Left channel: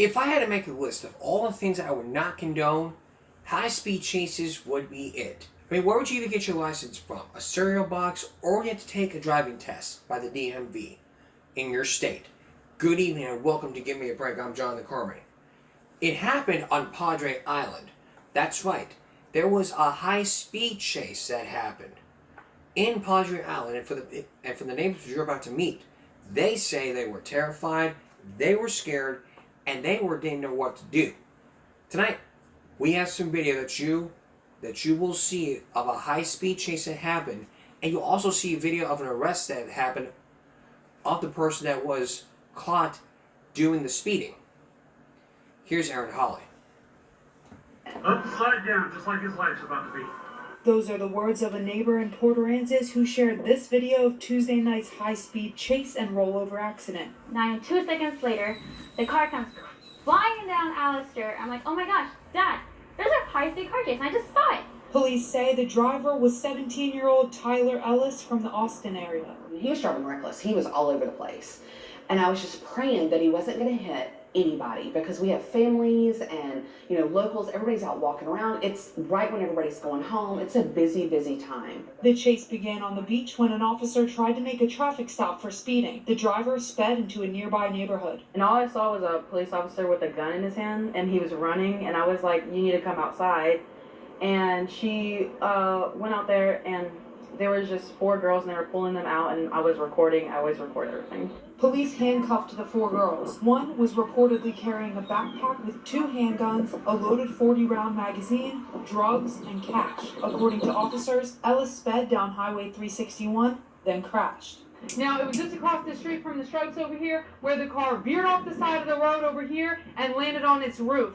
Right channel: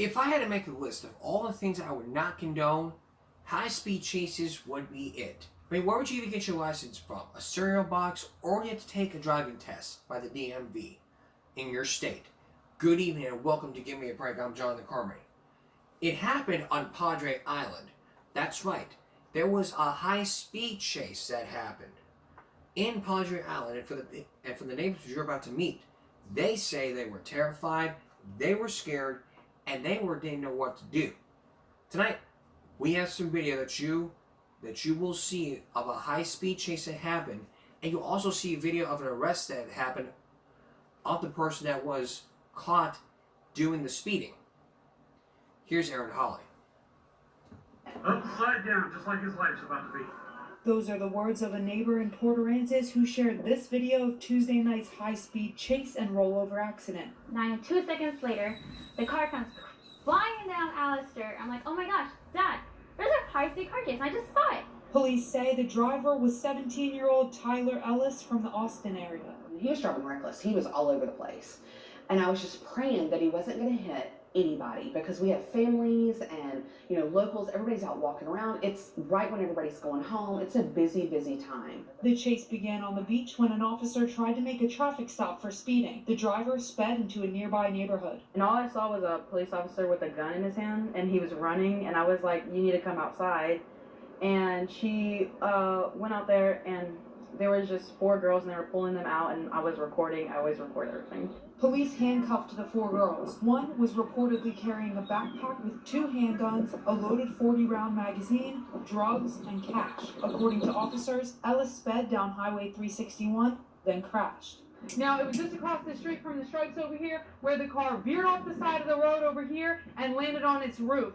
If I had to make a list of all the things I would not condone, high-speed chases would be it. I mean, where would you even get your license from? A cereal box, or you have to take a driving test by the DMV in your state? Good evening and welcome to Give Me a Break. I'm John the Carmy. It happened on Padre Island. That's right. There was a high-speed chase that happened in Padre Island, and for the neighbors you're about to meet, they say they were terrified, they were scared, and they didn't know what to do. Tonight, we have some video that you will see of a high-speed chase that happened, and you'll also see a video of an arrest that happened of the person that was caught doing the speeding. Here's Aaron Holly. Upside down, just like his life's about to be. Those are the words of a neighbor in Port Aransas who shared this video of Tuesday night's high-speed chase and rollover accident. 2 seconds later, the car comes flying down Alistair. I'm like, oh my gosh, Dad, there's a high-speed car chase, and I just saw it. Police say the driver was 17-year-old Tyler Ellis from the Austin area. He was driving reckless. He was all over the place. And I was just praying that he wasn't going to hit anybody, because we have families and, locals. Everybody's out walking around. It's right when everybody's going home. It's a busy, busy time. The chase began on the beach when an officer tried to make a traffic stop for speeding. The driver sped into a nearby neighborhood. And all I saw was a police officer with a gun in his hand, and he was running, and I was like, you need to come outside. And she went out there, and there was just 4 girls, and they were pulling them out, and I was recording. I always record everything. Police handcuffed the 4 girls. One was reportedly carrying a backpack with 2 handguns, a loaded 40-round magazine, drugs, and cash. According to officers, Ellis sped down Highway 361, then crashed. Now, it was just across the street from the stripes over here, where the car veered off the side of the road over here and landed on its roof.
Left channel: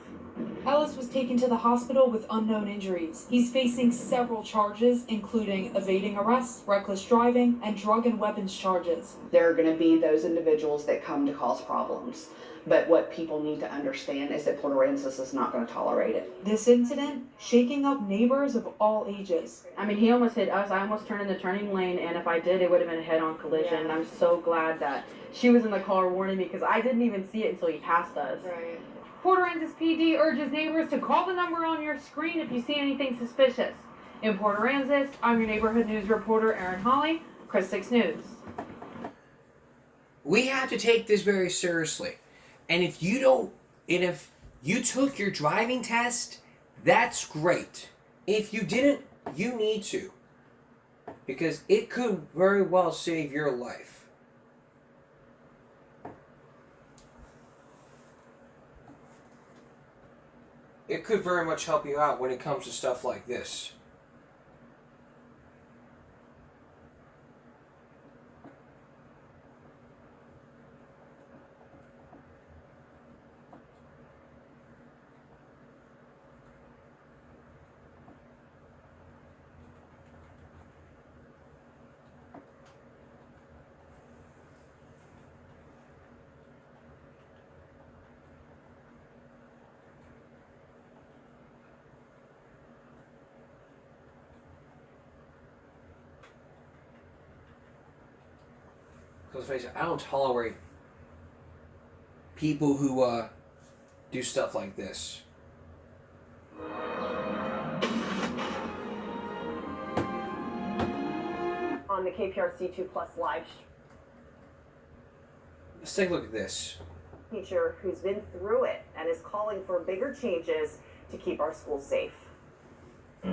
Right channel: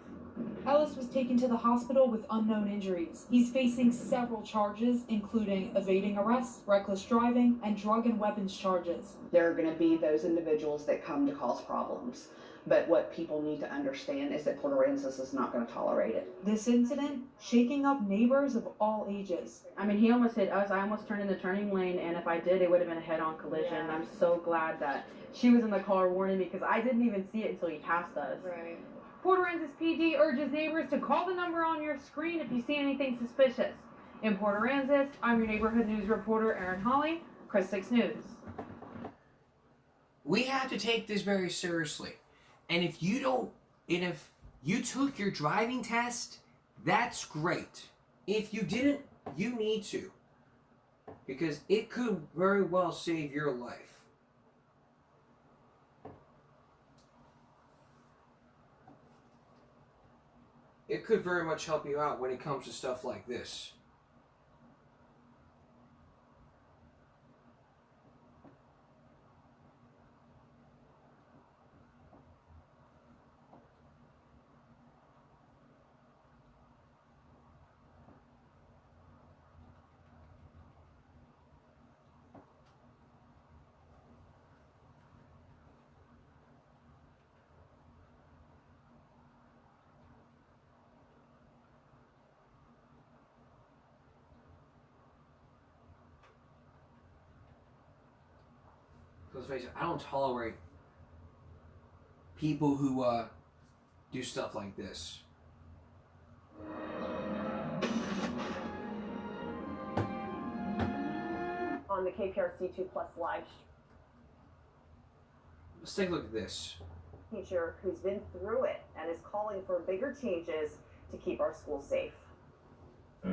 Ellis was taken to the hospital with unknown injuries. He's facing several charges, including evading arrest, reckless driving, and drug and weapons charges. There are going to be those individuals that come to cause problems. But what people need to understand is that Port Aransas is not going to tolerate it. This incident shaking up neighbors of all ages. I mean, he almost hit us. I almost turned in the turning lane, and if I did, it would have been a head-on collision. Yeah. I'm so glad that she was in the car warning me, because I didn't even see it until he passed us. Right. Port Aransas PD urges neighbors to call the number on your screen if you see anything suspicious. In Port Aransas, I'm your neighborhood news reporter, Aaron Holly, Chris 6 News. We have to take this very seriously. And if you took your driving test, that's great. If you didn't, you need to. Because it could very well save your life. It could very much help you out when it comes to stuff like this. Because face it, I don't tolerate people who do stuff like this. On the KPRC2 Plus live Let's take a look at this. teacher who's been through it and is calling for bigger changes to keep our schools safe. He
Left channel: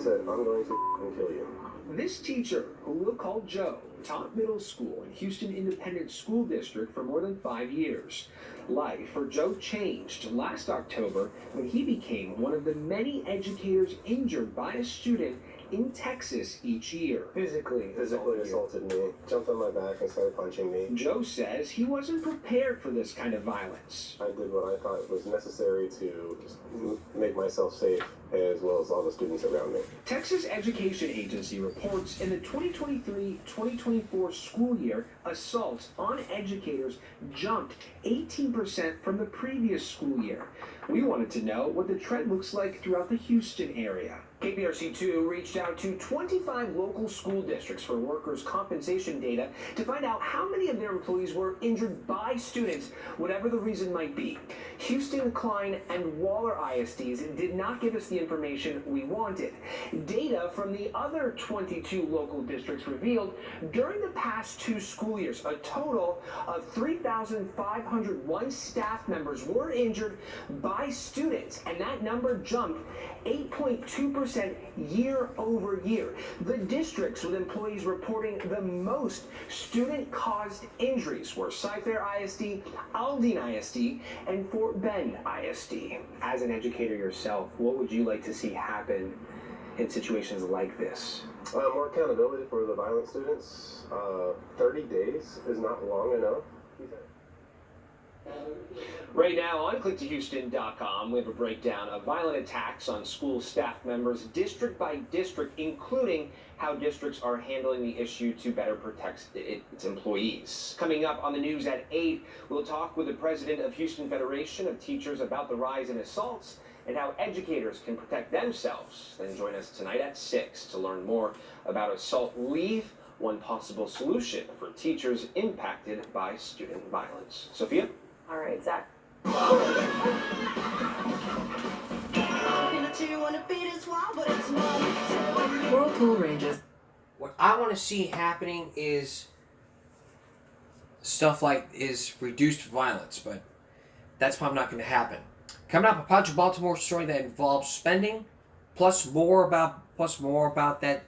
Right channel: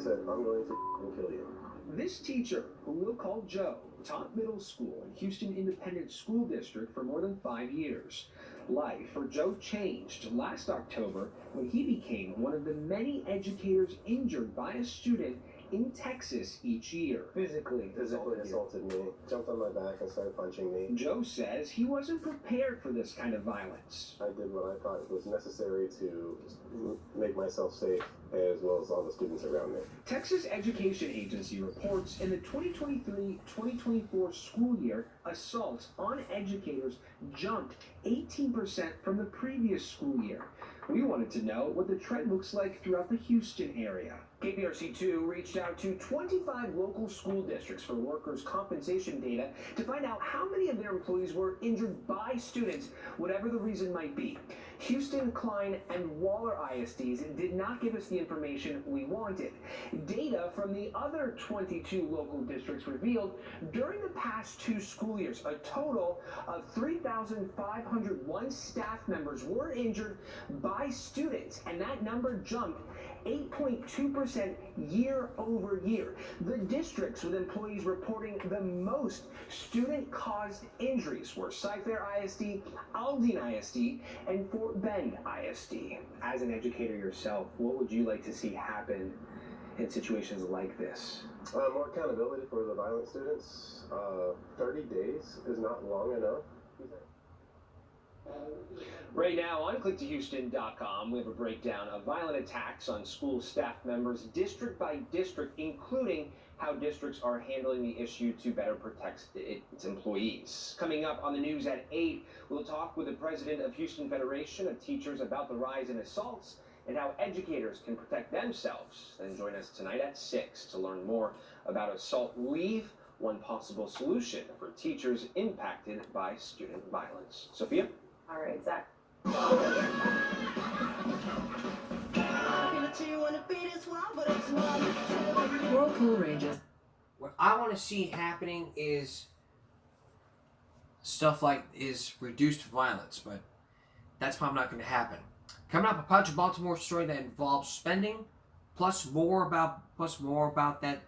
said, I'm going to kill you. This teacher, who we'll call Joe, taught middle school in Houston Independent School District for more than 5 years. Life for Joe changed last October when he became one of the many educators injured by a student in Texas each year. Physically assaulted me, jumped on my back and started punching me. Joe says he wasn't prepared for this kind of violence. I did what I thought was necessary to make myself safe, as well as all the students around me. Texas Education Agency reports in the 2023-2024 school year, assaults on educators jumped 18% from the previous school year. We wanted to know what the trend looks like throughout the Houston area. KPRC2 reached out to 25 local school districts for workers' compensation data to find out how many of their employees were injured by students, whatever the reason might be. Houston, Klein, and Waller ISDs did not give us the information we wanted. Data from the other 22 local districts revealed during the past 2 school years, a total of 3,501 staff members were injured by students, and that number jumped 8.2% year over year. The districts with employees reporting the most student-caused injuries were Cy-Fair ISD, Aldine ISD, and Fort Bend ISD. As an educator yourself, what would you like to see happen in situations like this? More accountability for the violent students. 30 days is not long enough. Right now on clicktohouston.com, we have a breakdown of violent attacks on school staff members district by district, including how districts are handling the issue to better protect its employees. Coming up on the news at 8, we'll talk with the president of Houston Federation of Teachers about the rise in assaults and how educators can protect themselves. Then join us tonight at 6 to learn more about assault leave, one possible solution for teachers impacted by student violence. Sophia? All right, Zach. Whirlpool Ranges. What I want to see happening is stuff like reduced violence, but that's probably not going to happen. Coming up, a Project Baltimore story that involves spending, plus more about that,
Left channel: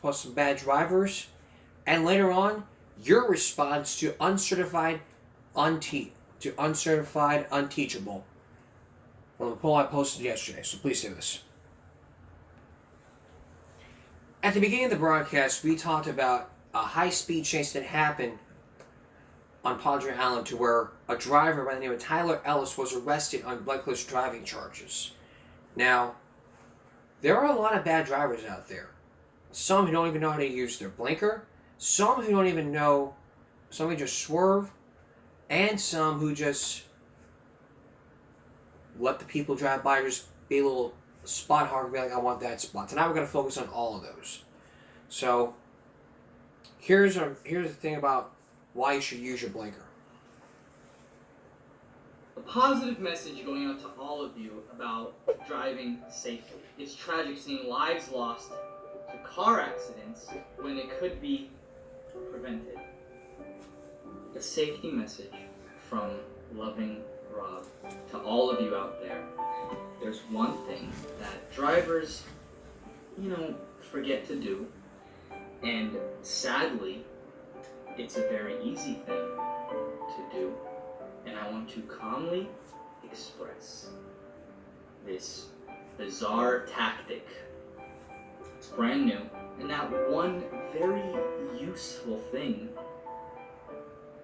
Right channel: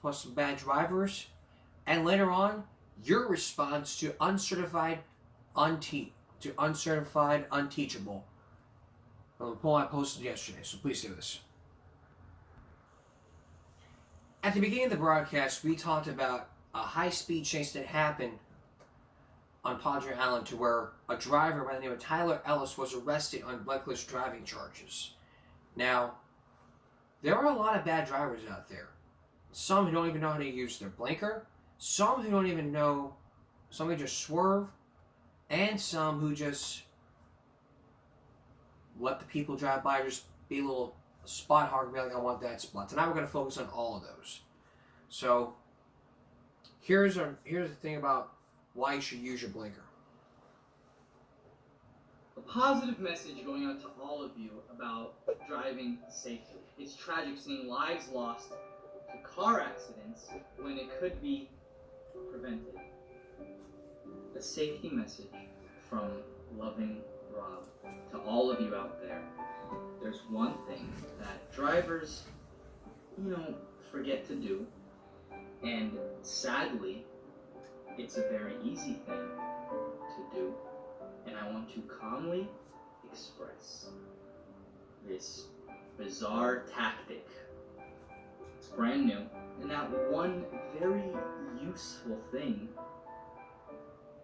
plus some bad drivers, and later on, your response to uncertified unteachable. From the poll I posted yesterday, so please do this. At the beginning of the broadcast, we talked about a high-speed chase that happened on Padre Island to where a driver by the name of Tyler Ellis was arrested on reckless driving charges. Now, there are a lot of bad drivers out there. Some who don't even know how to use their blinker, some who don't even know, some who just swerve, and some who just let the people drive by or just be a little spot hog and be like, I want that spot. Tonight we're going to focus on all of those. So, here's the thing about why you should use your blinker. A positive message going out to all of you about driving safely. It's tragic seeing lives lost to car accidents when it could be prevented. A safety message from loving Rob to all of you out there. There's one thing that drivers, forget to do, and sadly, it's a very easy thing to do, and I want to calmly express this bizarre tactic. It's brand new, and that one very useful thing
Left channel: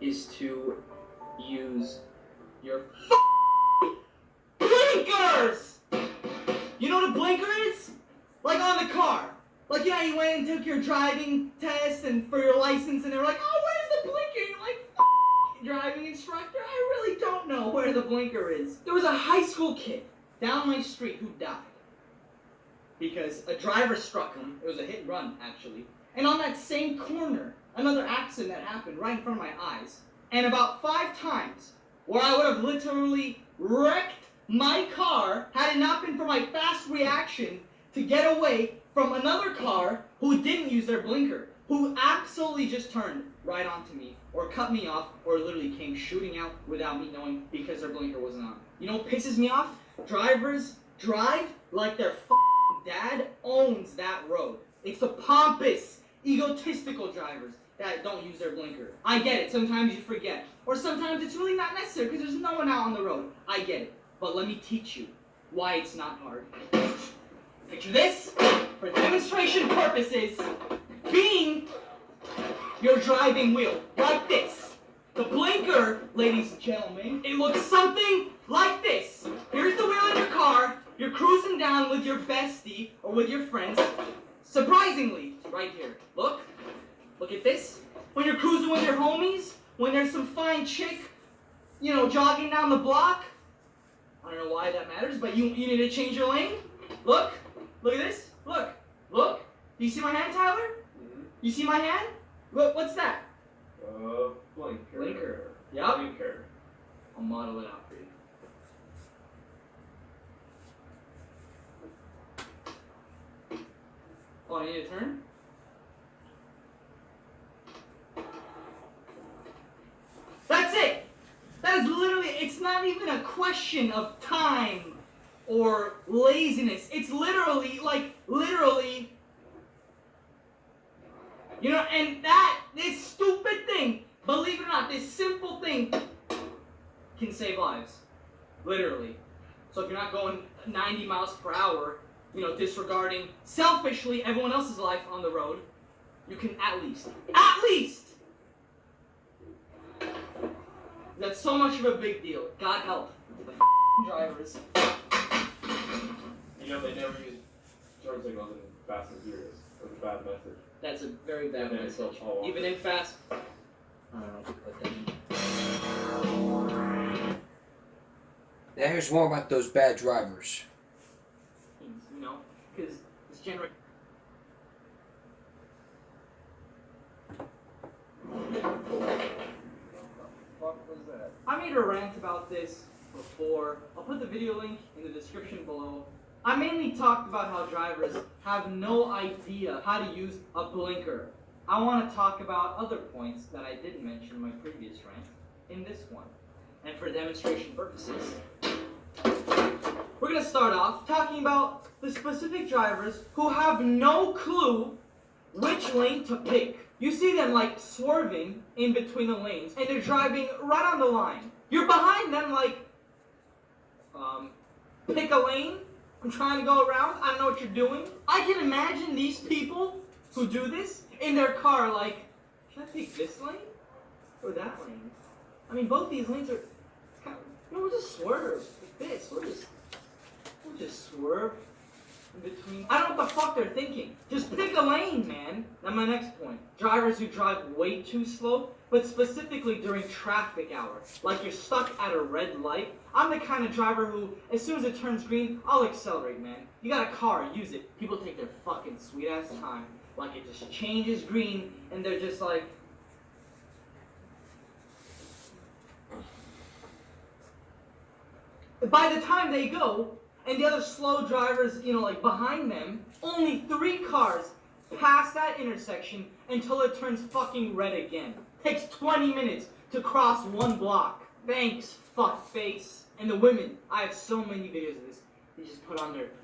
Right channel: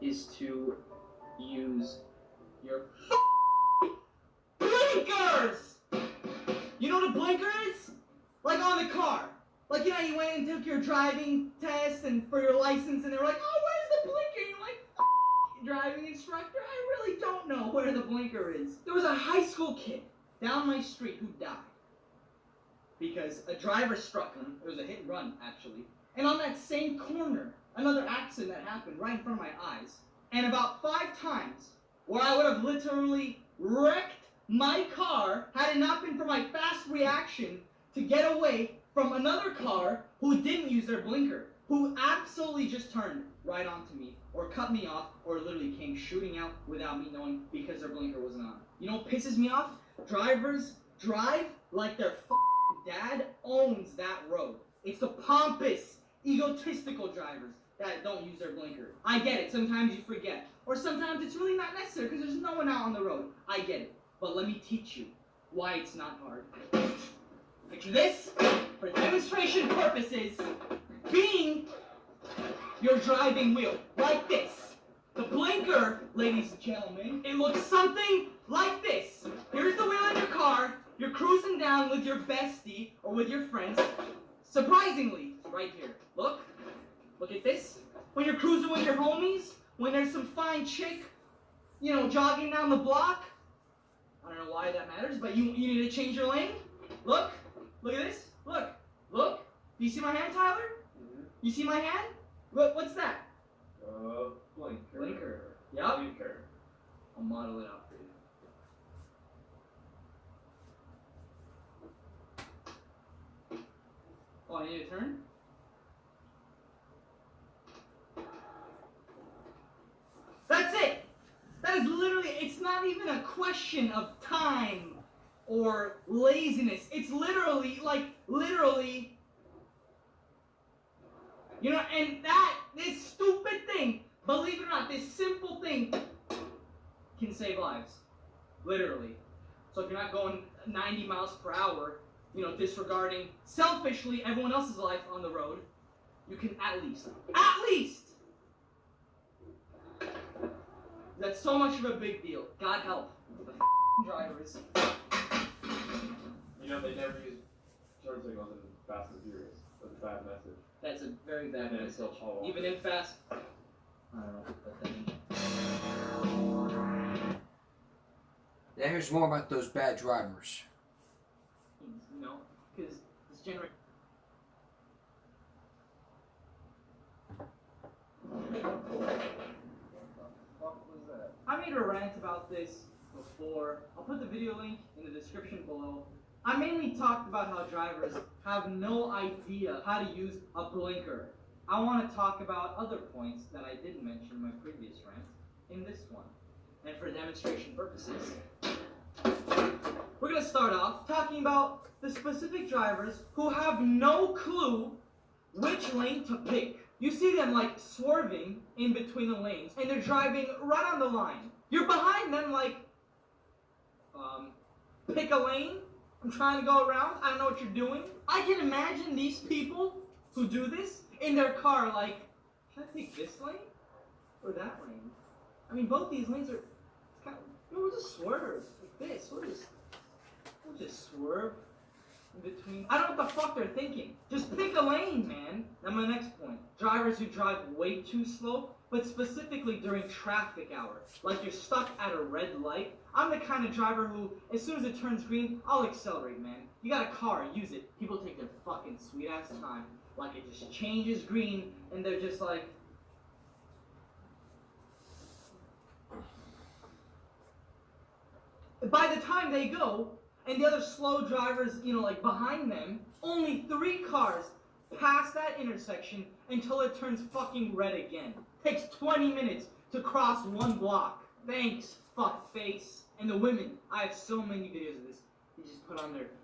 is to use your blinkers! You know what a blinker is? Like on the car. Like, you went and took your driving test and for your license and they were like, oh, where's the blinker? And you're like, driving instructor, I really don't know where the blinker is. There was a high school kid down my street who died because a driver struck him. It was a hit and run, actually. And on that same corner, another accident that happened right in front of my eyes. And about 5 times where I would have literally wrecked my car had it not been for my fast reaction to get away from another car who didn't use their blinker, who absolutely just turned right onto me, or cut me off, or literally came shooting out without me knowing because their blinker wasn't on. You know what pisses me off? Drivers drive like their dad owns that road. It's the pompous, egotistical drivers that don't use their blinker. I get it, sometimes you forget. Or sometimes it's really not necessary because there's no one out on the road. I get it. But let me teach you why it's not hard. Picture this, for demonstration purposes, being your driving wheel, like this. The blinker, ladies and gentlemen, it looks something like this. Here's the wheel in your car, you're cruising down with your bestie or with your friends. Surprisingly, right here, look at this. When you're cruising with your homies, when there's some fine chick, jogging down the block, I don't know why that matters, but you need to change your lane. Look at this. Look. Do you see my hand, Tyler? Mm-hmm. You see my hand? Look, what's that? Blinker. Blinker. Yup. Blinker. I'll model it out for you. Oh, I need to turn? That's it! That is literally, it's not even a question of time or laziness. It's literally, you know, and this stupid thing, believe it or not, this simple thing can save lives. Literally. So if you're not going 90 miles per hour, you know, disregarding selfishly everyone else's life on the road, you can at least, that's so much of a big deal. God help the drivers. You know, they never use turn signals in Fast and Furious. That's a bad message. That's a very bad And message. it's all Even in Fast. I don't know if you put that in. Now here's more about those bad drivers. You know, because this generation. What was that? I made a rant about this before. I'll put the video link in the description below. I mainly talked about how drivers have no idea how to use a blinker. I want to talk about other points that I didn't mention in my previous rant in this one. And for demonstration purposes, we're going to start off talking about the specific drivers who have no clue which lane to pick. You see them like swerving in between the lanes and they're driving right on the line. You're behind them like, pick a lane. I'm trying to go around. I don't know what you're doing. I can imagine these people who do this in their car like, should I pick this lane or that lane? I mean, both these lanes are, it's kind of, you know, we'll just swerve like this. We'll just swerve in between. I don't know what the fuck they're thinking. Just pick a lane, man. That's my next point. Drivers who drive way too slow, but specifically during traffic hours. Like you're stuck at a red light. I'm the kind of driver who, as soon as it turns green, I'll accelerate, man. You got a car, use it. People take their fucking sweet ass time. Like it just changes green, and they're just like, by the time they go, and the other slow drivers, you know, like behind them, only 3 cars pass that intersection until it turns fucking red again. Takes 20 minutes to cross 1 block. Thanks, fuckface. And the women, I have so many videos of this.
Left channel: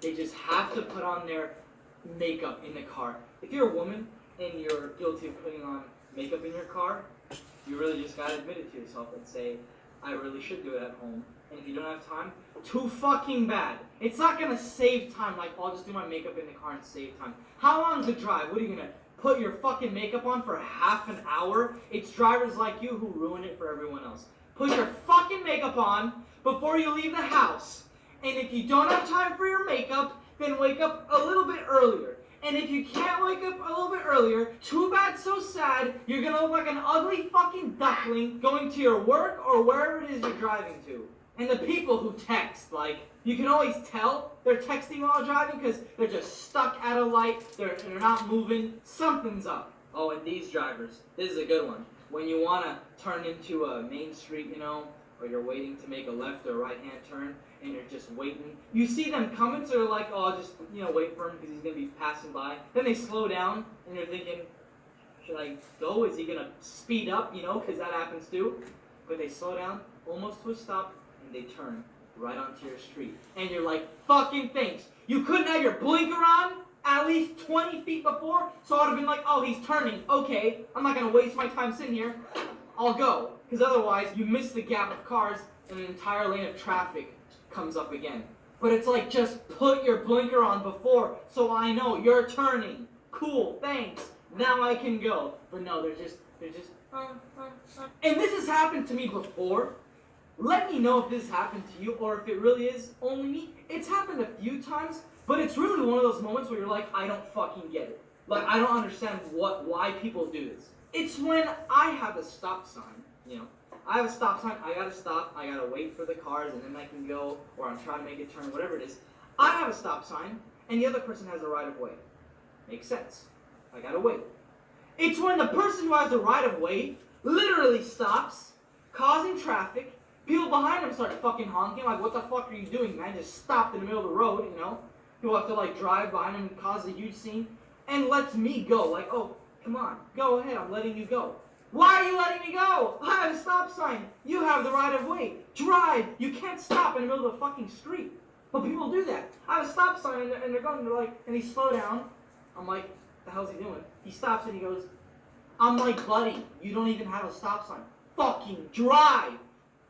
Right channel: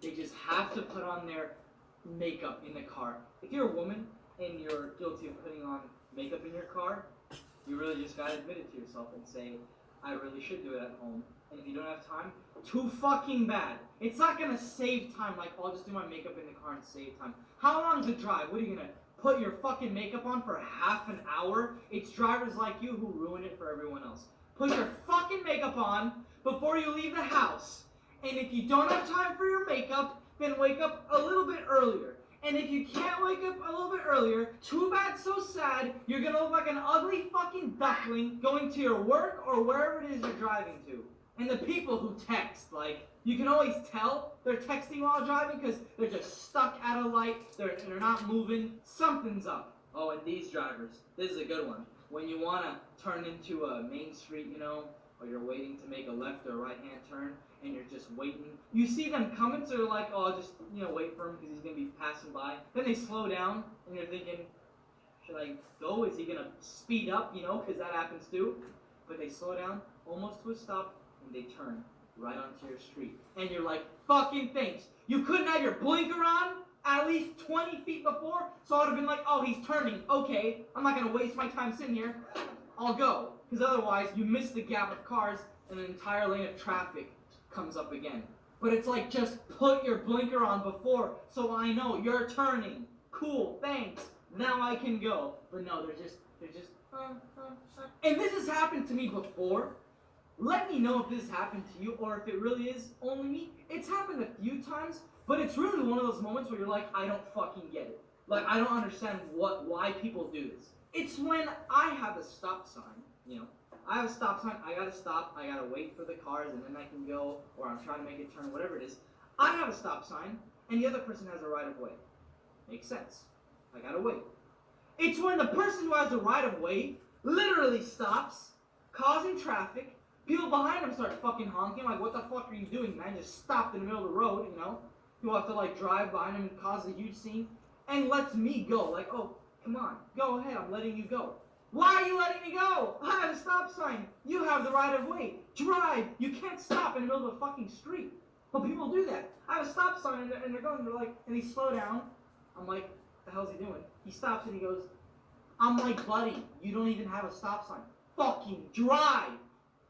They just have to put on their makeup in the car. If you're a woman and you're guilty of putting on makeup in your car, you really just gotta admit it to yourself and say, I really should do it at home. And if you don't have time, too fucking bad. It's not gonna save time, like, I'll just do my makeup in the car and save time. How long's a drive? What are you gonna put your fucking makeup on for half an hour? It's drivers like you who ruin it for everyone else. Put your fucking makeup on before you leave the house. And if you don't have time for your makeup, then wake up a little bit earlier. And if you can't wake up a little bit earlier, too bad, so sad, you're gonna look like an ugly fucking duckling going to your work or wherever it is you're driving to. And the people who text, like, you can always tell they're texting while driving because they're just stuck at a light, they're not moving, something's up. Oh, and these drivers, this is a good one. When you want to turn into a main street, you know, or you're waiting to make a left or right hand turn, and you're just waiting. You see them coming, so you're like, oh, I'll just, you know, wait for him because he's going to be passing by. Then they slow down, and you're thinking, should I go? Is he going to speed up, you know, because that happens too. But they slow down, almost to a stop, and they turn right onto your street. And you're like, fucking thanks. You couldn't have your blinker on at least 20 feet before, so I would have been like, oh, he's turning. Okay, I'm not going to waste my time sitting here. I'll go. Because otherwise, you miss the gap of cars, and an entire lane of traffic comes up again. But it's like, just put your blinker on before, so I know you're turning. Cool, thanks. Now I can go. But no, they're just. And this has happened to me before. Let me know if this happened to you, or if it really is only me. It's happened a few times, but it's really one of those moments where you're like, I don't fucking get it. Like, I don't understand why people do this. It's when I have a stop sign, you know. I have a stop sign, I gotta stop, I gotta wait for the cars, and then I can go, or I'm trying to make a turn, whatever it is. I have a stop sign, and the other person has a right of way. Makes sense. I gotta wait. It's when the person who has the right of way literally stops, causing traffic. People behind him start fucking honking, like, what the fuck are you doing, man? Just stopped in the middle of the road, you know? People have to, like, drive behind him and cause a huge scene. And lets me go, like, oh, come on, go ahead, I'm letting you go. Why are you letting me go? I have a stop sign. You have the right of way. Drive. You can't stop in the middle of the fucking street. But people do that. I have a stop sign, and they're going, they're like, and they slow down. I'm like, the hell's he doing? He stops and he goes, I'm like, buddy, you don't even have a stop sign. Fucking drive.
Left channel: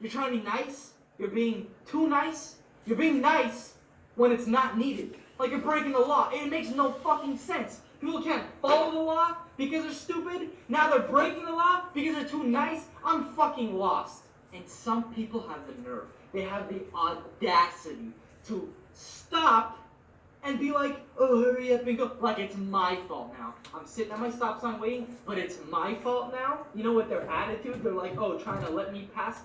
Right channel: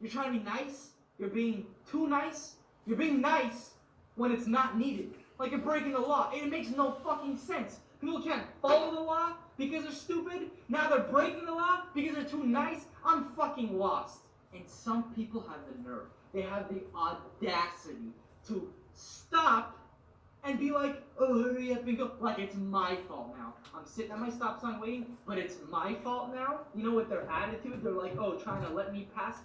You're trying to be nice. You're being too nice. You're being nice when it's not needed. Like you're breaking the law. It makes no fucking sense. People can't follow the law because they're stupid. Now they're breaking the law because they're too nice. I'm fucking lost. And some people have the nerve. They have the audacity to stop and be like, oh, hurry up and go. Like it's my fault now. I'm sitting at my stop sign waiting, but it's my fault now. You know what their attitude? They're like, oh, trying to let me pass.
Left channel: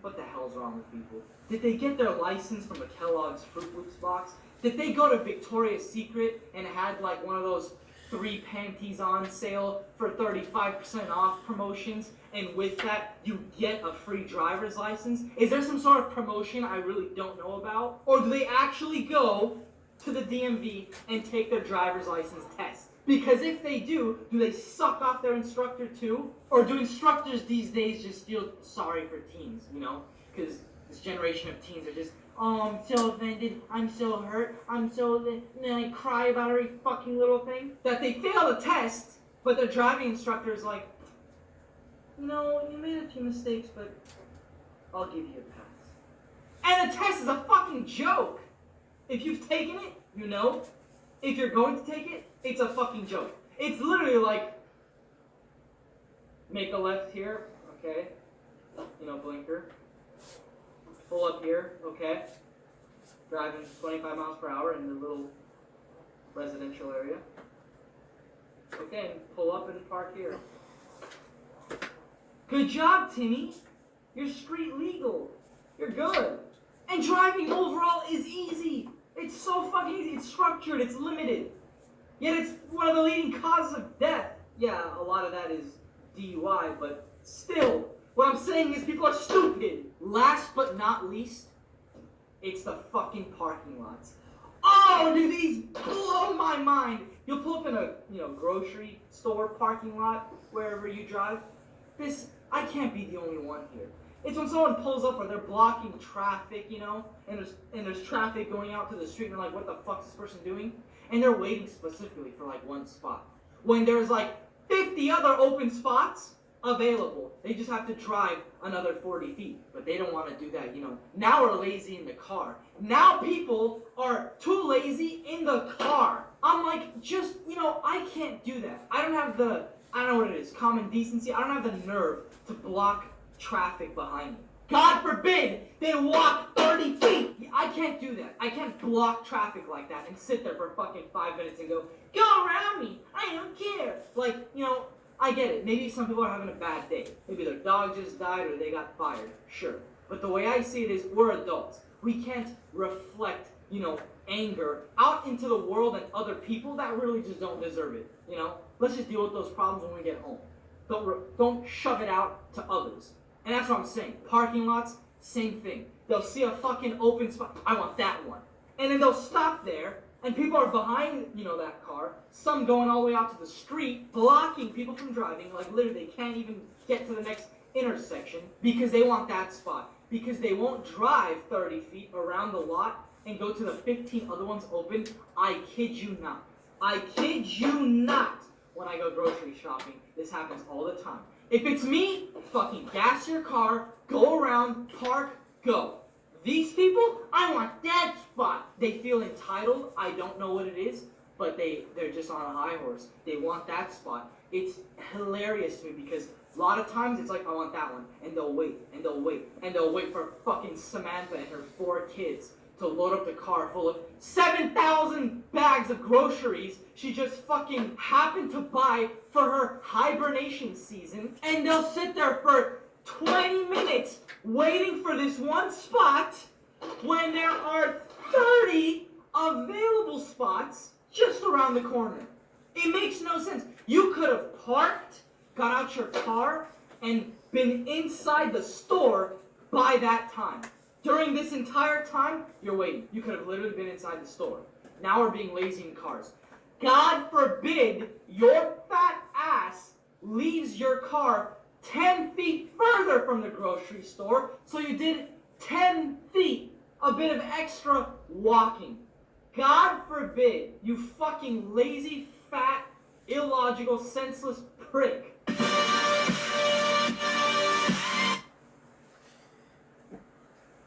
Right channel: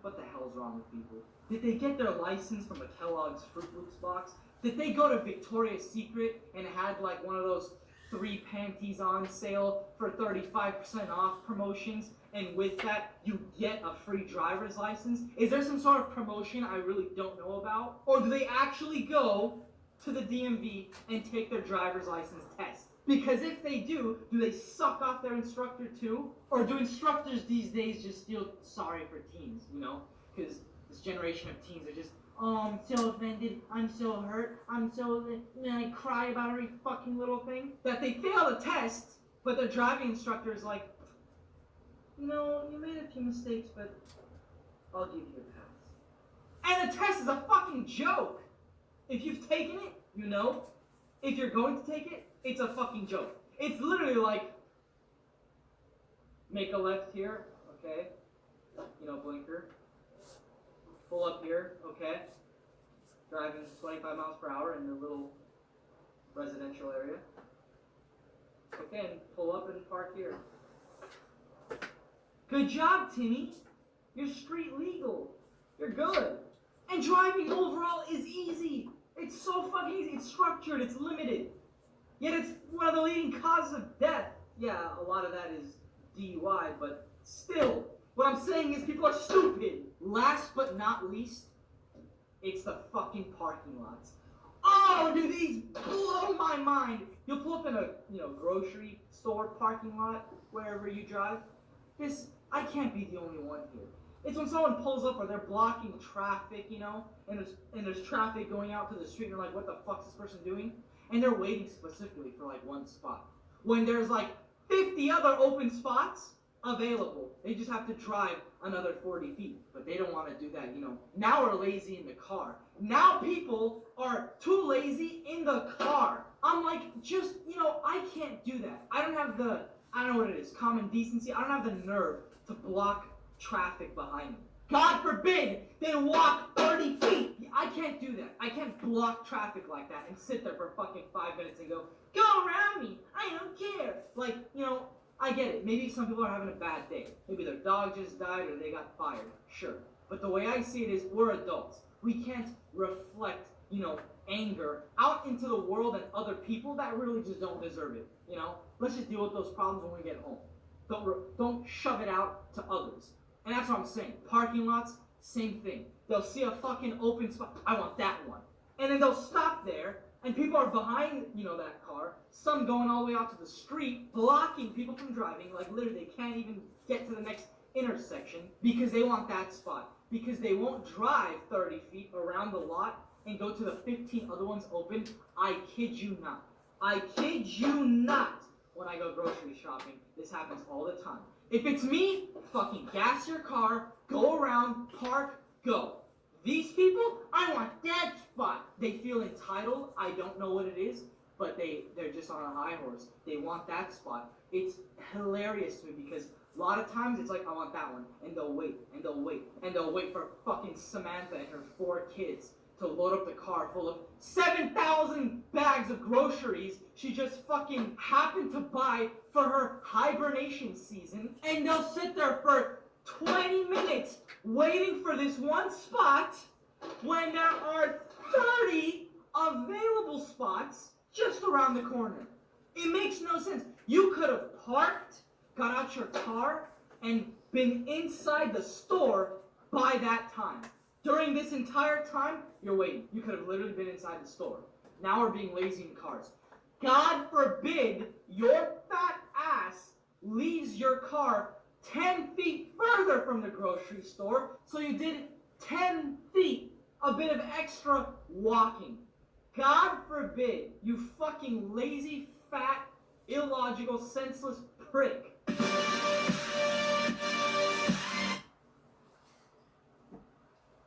What the hell's wrong with people? Did they get their license from a Kellogg's Fruit Loops box? Did they go to Victoria's Secret and had like one of those 3 panties on sale for 35% off promotions, and with that you get a free driver's license? Is there some sort of promotion I really don't know about? Or do they actually go to the DMV and take their driver's license test? Because if they do they suck off their instructor too? Or do instructors these days just feel sorry for teens, you know? Because this generation of teens are just, oh, I'm so offended, I'm so hurt, I'm so, and then I cry about every fucking little thing. That they fail the test, but their driving instructor is like, you know, you made a few mistakes, but I'll give you a pass. And the test is a fucking joke. If you've taken it, you know. If you're going to take it, it's a fucking joke. It's literally like, make a left here, okay, you know, blinker. Pull up here, okay, driving 25 miles per hour in the little residential area. Okay, and pull up and park here. Good job, Timmy. You're street legal. You're good. And driving overall is easy. It's so fucking easy. It's structured. It's limited. Yet it's one of the leading causes of death. Yeah, a lot of that is DUI, but still, what I'm saying is people are stupid. Last but not least, it's the fucking parking lots. Oh, do these blow my mind. You'll pull up in a, grocery store parking lot, wherever you drive. I can't be the only one here. It's when someone pulls up or they're blocking traffic, and there's traffic going out to the street and they're like, what the fuck's this person doing? And they're waiting specifically for like one spot. When there's like 50 other open spots available. They just have to drive another 40 feet. But they don't want to do that, Now we're lazy in the car. Now people are too lazy in the car. I'm like, I can't do that. I don't know what it is, common decency. I don't have the nerve to block traffic behind me. God forbid they walk 30 feet. I can't do that. I can't block traffic like that and sit there for fucking 5 minutes and go around me. I don't care. Like, I get it. Maybe some people are having a bad day. Maybe their dog just died or they got fired. Sure. But the way I see it is we're adults. We can't reflect, anger out into the world and other people that really just don't deserve it. Let's just deal with those problems when we get home. Don't shove it out to others. And that's what I'm saying. Parking lots, same thing. They'll see a fucking open spot. I want that one. And then they'll stop there, and people are behind, that car. Some going all the way out to the street, blocking people from driving. Like, literally, they can't even get to the next intersection because they want that spot. Because they won't drive 30 feet around the lot and go to the 15 other ones open. I kid you not. I kid you not. When I go grocery shopping, this happens all the time. If it's me, fucking gas your car, go around, park, go. These people, I want that spot. They feel entitled. I don't know what it is, but they're just on a high horse. They want that spot. It's hilarious to me because a lot of times it's like, I want that one. And they'll wait, and they'll wait, and they'll wait for fucking Samantha and her 4 kids to load up the car full of 7,000 bags of groceries she just fucking happened to buy for her hibernation season. And they'll sit there for 20 minutes waiting for this one spot when there are 30 available spots just around the corner. It makes no sense. You could have parked, got out your car, and been inside the store by that time. During this entire time, you're waiting. You could have literally been inside the store. Now we're being lazy in cars. God forbid your fat ass leaves your car 10 feet further from the grocery store, so you did 10 feet, a bit of extra walking. God forbid you fucking lazy, fat, illogical, senseless prick.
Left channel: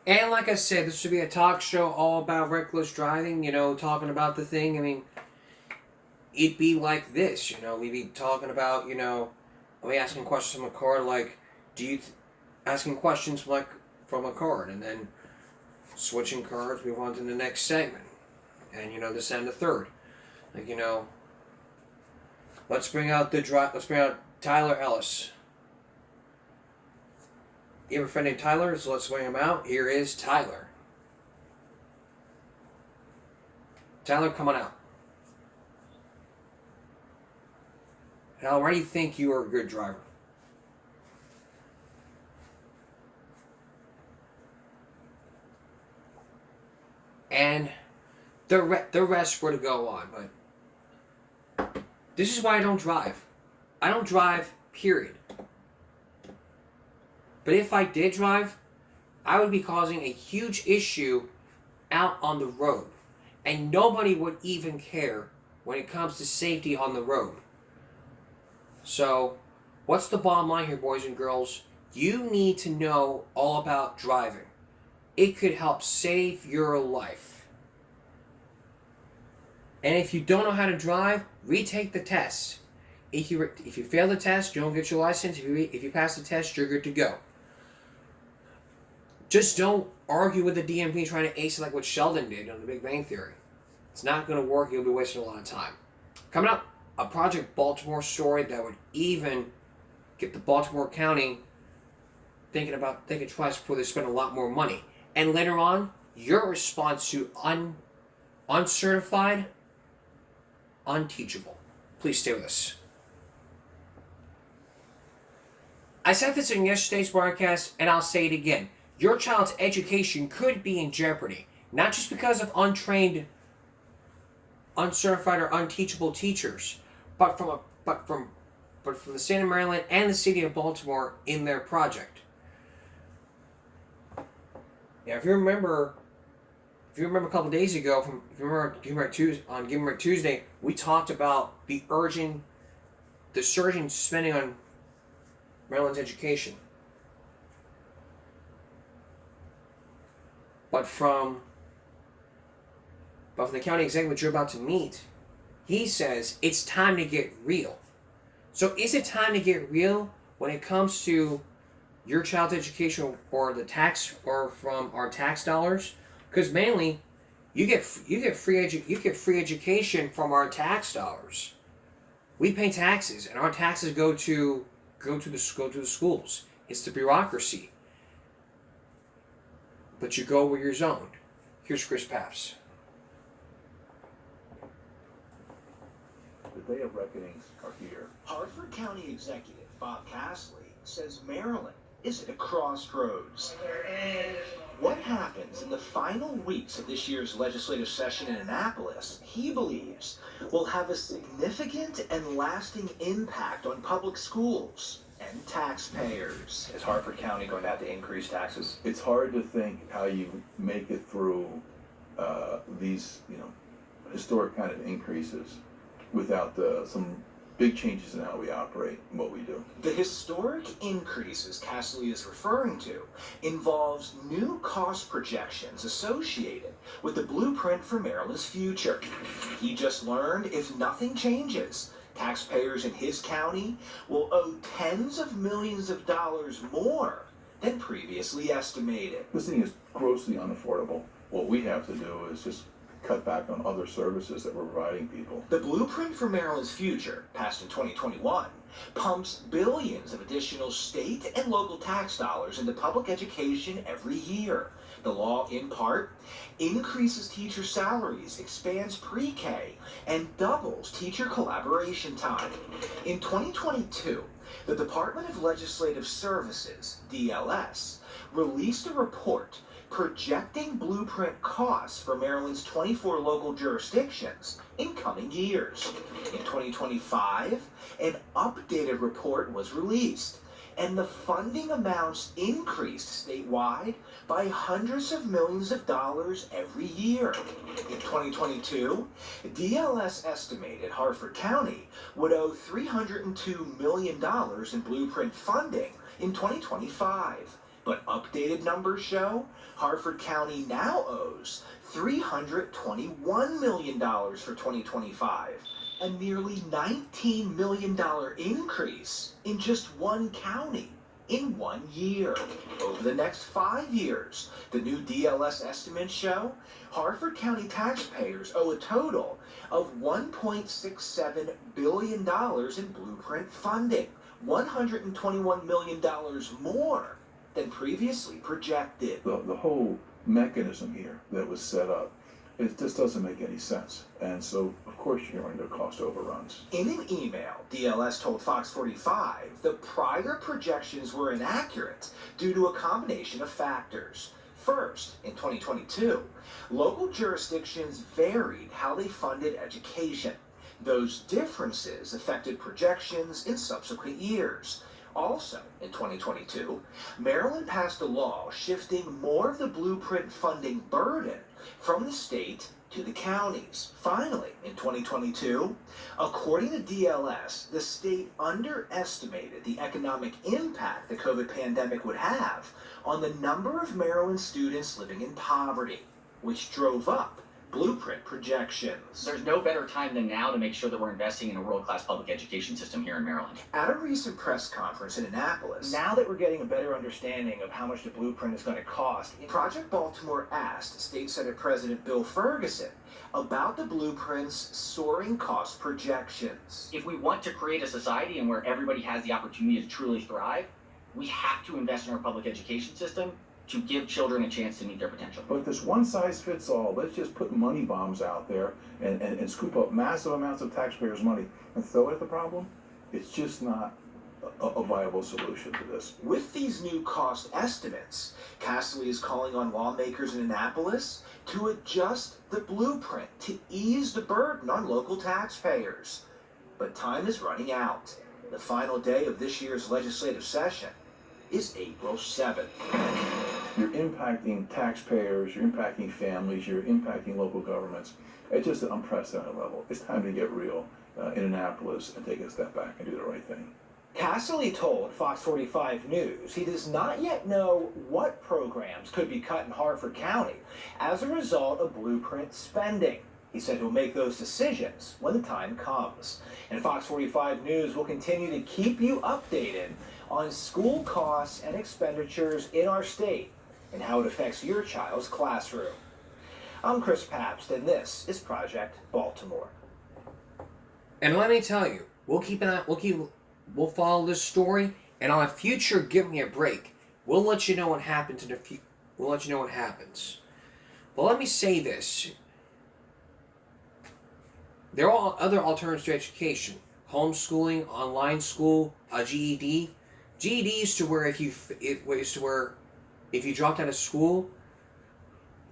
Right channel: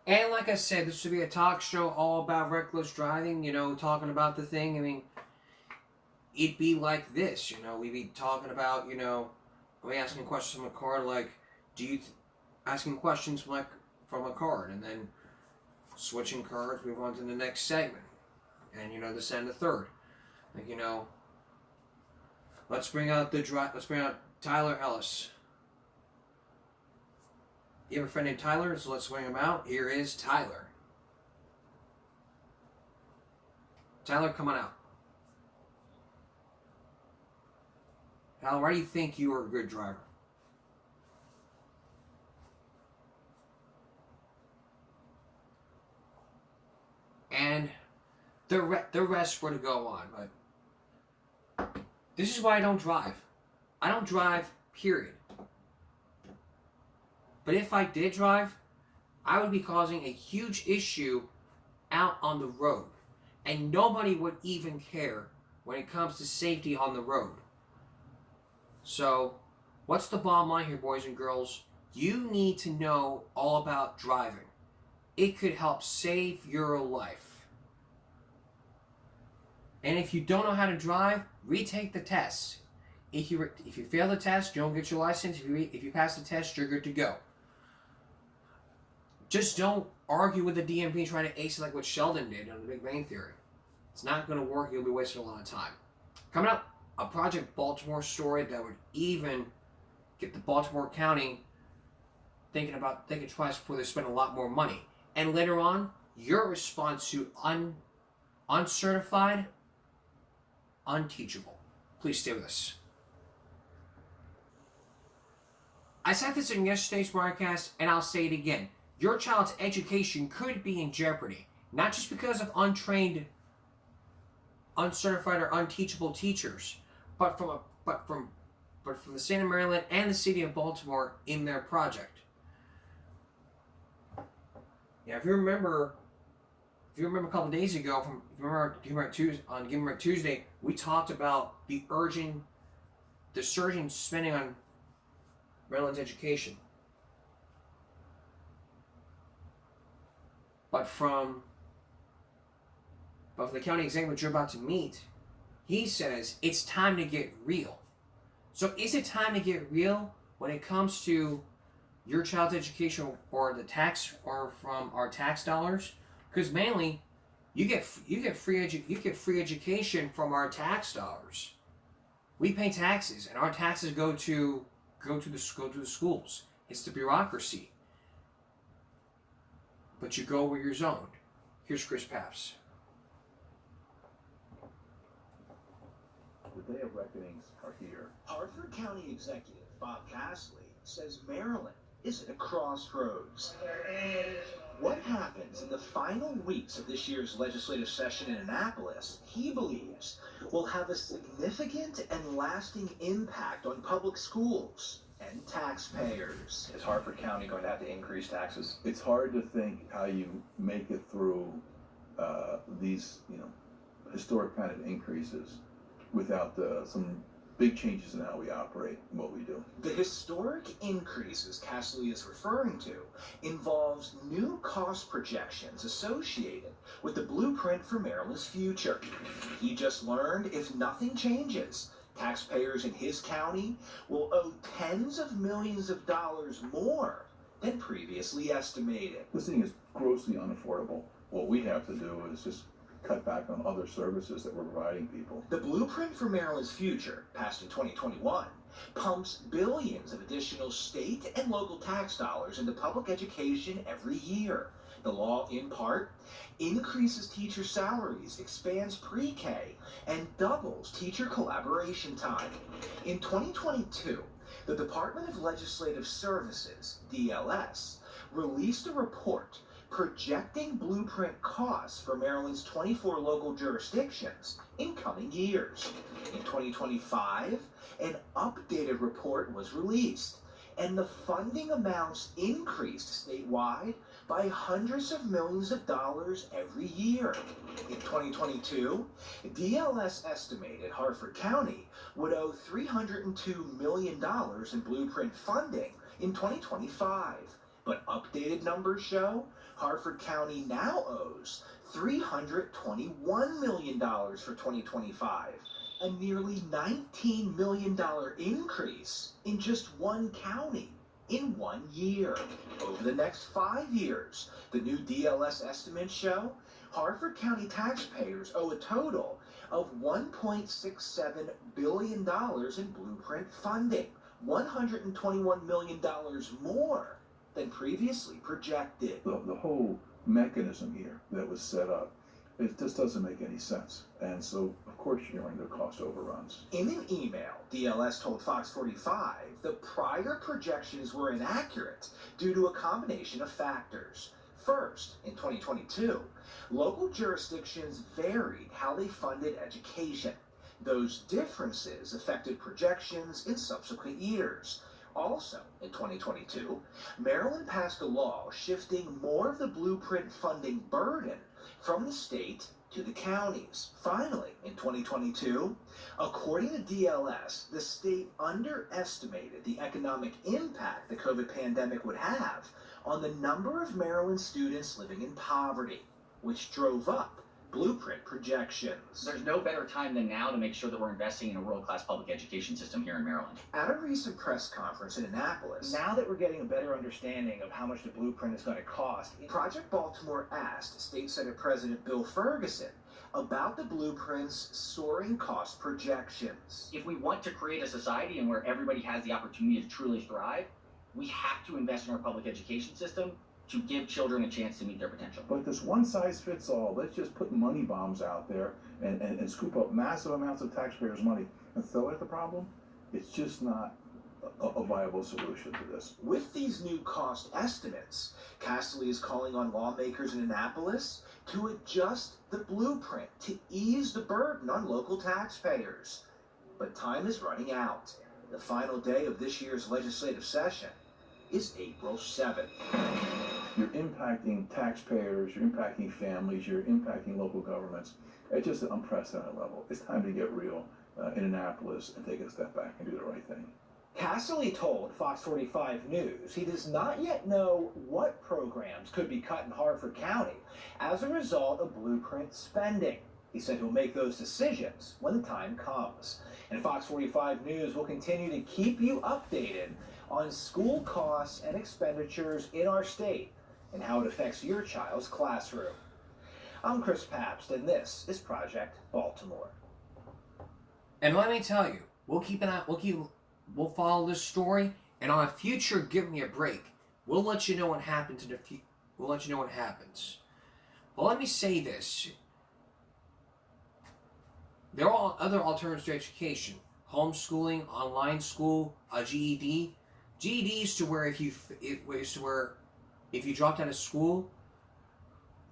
And like I said, this would be a talk show all about reckless driving, you know, talking about the thing. I mean, it'd be like this, you know, we'd be talking about, you know, we asking questions from a card like, asking questions like from a card, and then switching cards, move on to the next segment, and, you know, this and the third. Like, you know, let's bring out Tyler Ellis. You have a friend named Tyler, so let's bring him out. Here is Tyler. Tyler, come on out. Tyler, why do you think you are a good driver? And the rest were to go on, but this is why I don't drive. I don't drive, period. But if I did drive, I would be causing a huge issue out on the road. And nobody would even care when it comes to safety on the road. So, what's the bottom line here, boys and girls? You need to know all about driving. It could help save your life. And if you don't know how to drive, retake the test. If you fail the test, you don't get your license. If you pass the test, you're good to go. Just don't argue with the DMV trying to ace it like what Sheldon did on The Big Bang Theory. It's not going to work. You'll be wasting a lot of time. Coming up, a Project Baltimore story that would even get the Baltimore County thinking twice before they spend a lot more money. And later on, your response to uncertified, unteachable. Please stay with us. I said this in yesterday's broadcast, and I'll say it again. Your child's education could be in jeopardy, not just because of untrained, uncertified, or unteachable teachers, but from the state of Maryland and the city of Baltimore in their project. Now, if you remember a couple days ago, on Give Me Right Tuesday, we talked about the surging spending on Maryland's education. But from the county executive you're about to meet, he says it's time to get real. So is it time to get real when it comes to your child's education or the tax or from our tax dollars? Because mainly, you get free education from our tax dollars. We pay taxes, and our taxes go to the schools. It's the bureaucracy. But you go where you're zoned. Here's Chris Papps. The day of reckonings are here. Hartford County Executive Bob Castley says Maryland is at a crossroads. What happens in the final weeks of this year's legislative session in Annapolis, he believes, will have a significant and lasting impact on public schools and taxpayers. Is Hartford County going to have to increase taxes? It's hard to think how you make it through these, historic kind of increases without some big changes in how we operate and what we do. The historic increases Castley is referring to involves new cost projections associated with the blueprint for Maryland's future. He just learned if nothing changes, taxpayers in his county will owe tens of millions of dollars more than previously estimated. This thing is grossly unaffordable. What we have to do is just cut back on other services that we're providing people. The blueprint for Maryland's future, passed in 2021, pumps billions of additional state and local tax dollars into public education every year. The law, in part, increases teacher salaries, expands pre-K, and doubles teacher collaboration time. In 2022, the Department of Legislative Services, DLS, released a report projecting blueprint costs for Maryland's 24 local jurisdictions in coming years. In 2025, an updated report was released, and the funding amounts increased statewide by hundreds of millions of dollars every year. In 2022, DLS estimated Harford County would owe $302 million in blueprint funding in 2025. But updated numbers show Harford County now owes $321 million for 2025, a nearly $19 million increase in just one county in 1 year. Over the next 5 years, the new DLS estimates show Harford County taxpayers owe a total of $1.67 billion in blueprint funding, $121 million more than previously projected. The whole mechanism here that was set up, it just doesn't make any sense. And so, of course, you're going to cost overruns. In an email, DLS told Fox 45 the prior projections were inaccurate due to a combination of factors. First, in 2022, local jurisdictions varied how they funded education. Those differences affected projections in subsequent years. Also, in 2022, Maryland passed a law shifting more of the blueprint funding burden from the state to the counties. Finally, in 2022, according to DLS, the state underestimated the economic impact the COVID pandemic would have on the number of Maryland students living in poverty, which drove up blueprint projections. There's no better time than now to make sure that we're investing in a world-class public education system here in Maryland. At a recent press conference in Annapolis, Now that we're getting a better understanding of how much the blueprint is going to cost, Project Baltimore asked State Senate President Bill Ferguson about the blueprint's soaring cost projections. If we want to create a society and where everybody has the opportunity to truly thrive, we have to invest in our public education system to give children a chance to meet their potential. But this one-size-fits-all, let's just put money bombs out there and scoop up massive amounts of taxpayers' money and throw it at the problem, it's just not a viable solution to this. With these new cost estimates, Castley is calling on lawmakers in Annapolis to adjust the blueprint to ease the burden on local taxpayers. But time is running out. The final day of this year's legislative session is April 7th. You're impacting taxpayers, you're impacting families, you're impacting local governments at just an unprecedented level. It's time to get real in Annapolis and take a step back and do the right thing. Castley told Fox 45 News he does not yet know what programs could be cut in Harford County as a result of blueprint spending. He said he'll make those decisions when the time comes. And Fox 45 News will continue to keep you updated on school costs and expenditures in our state and how it affects your child's classroom. I'm Chris Pabst, and this is Project Baltimore. And let me tell you, we'll follow this story, and on a future Give Me a Break, we'll let you know what happens in the future. We'll let you know what happens. But let me say this. There are other alternatives to education. Homeschooling, online school, a GED. GED is to where if you dropped out of school,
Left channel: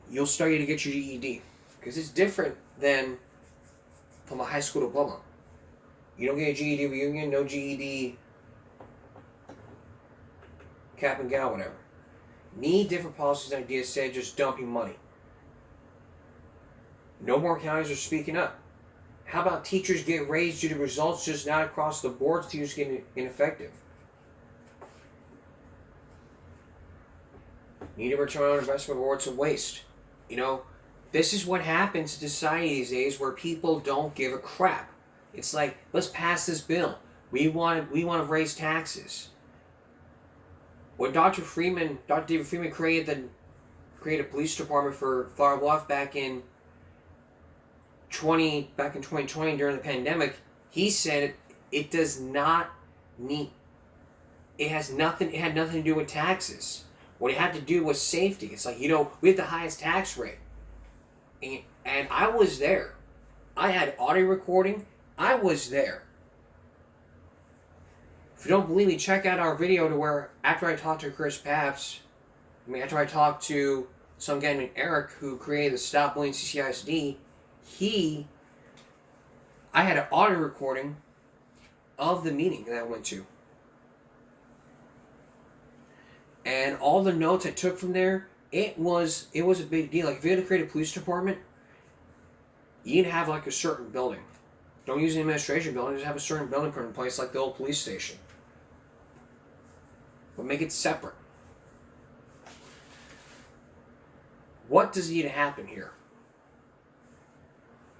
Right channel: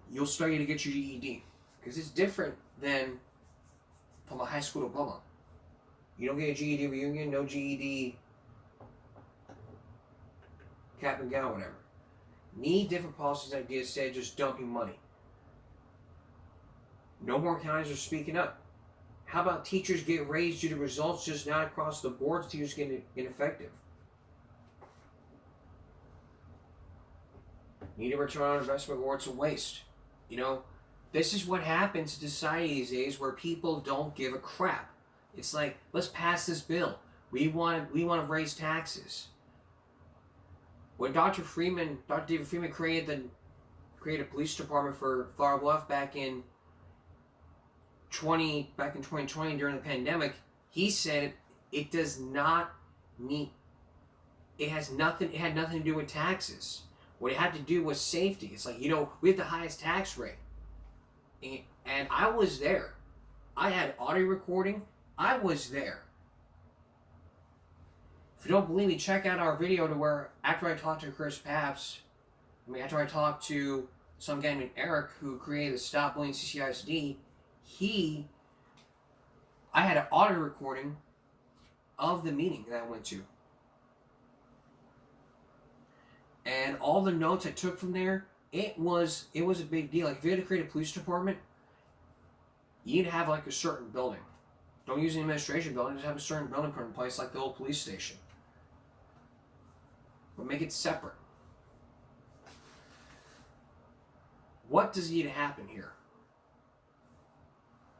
you'll study to get your GED. Because it's different than from a high school diploma. You don't get a GED reunion, no GED cap and gown, whatever. Need different policies and ideas instead of just dumping money. No more counties are speaking up. How about teachers get raised due to results just not across the board, teachers getting ineffective? Need a return on investment or it's a waste. You know, this is what happens in society these days where people don't give a crap. It's like, let's pass this bill. We want to raise taxes. When Dr. David Freeman created a police department for Flower Bluff back in 2020 during the pandemic, he said it does not it had nothing to do with taxes. What it had to do was safety. It's like, we have the highest tax rate. And I was there. I had audio recording. I was there. If you don't believe me, check out our video to where, after I talked to Chris Papps, after I talked to some guy named Eric who created the Stop Bullying CCISD, I had an audio recording of the meeting that I went to. And all the notes I took from there, it was a big deal. Like, if you had to create a police department, you need to have like a certain building. Don't use an administration building, just have a certain building put in place like the old police station. But make it separate. What does need to happen here?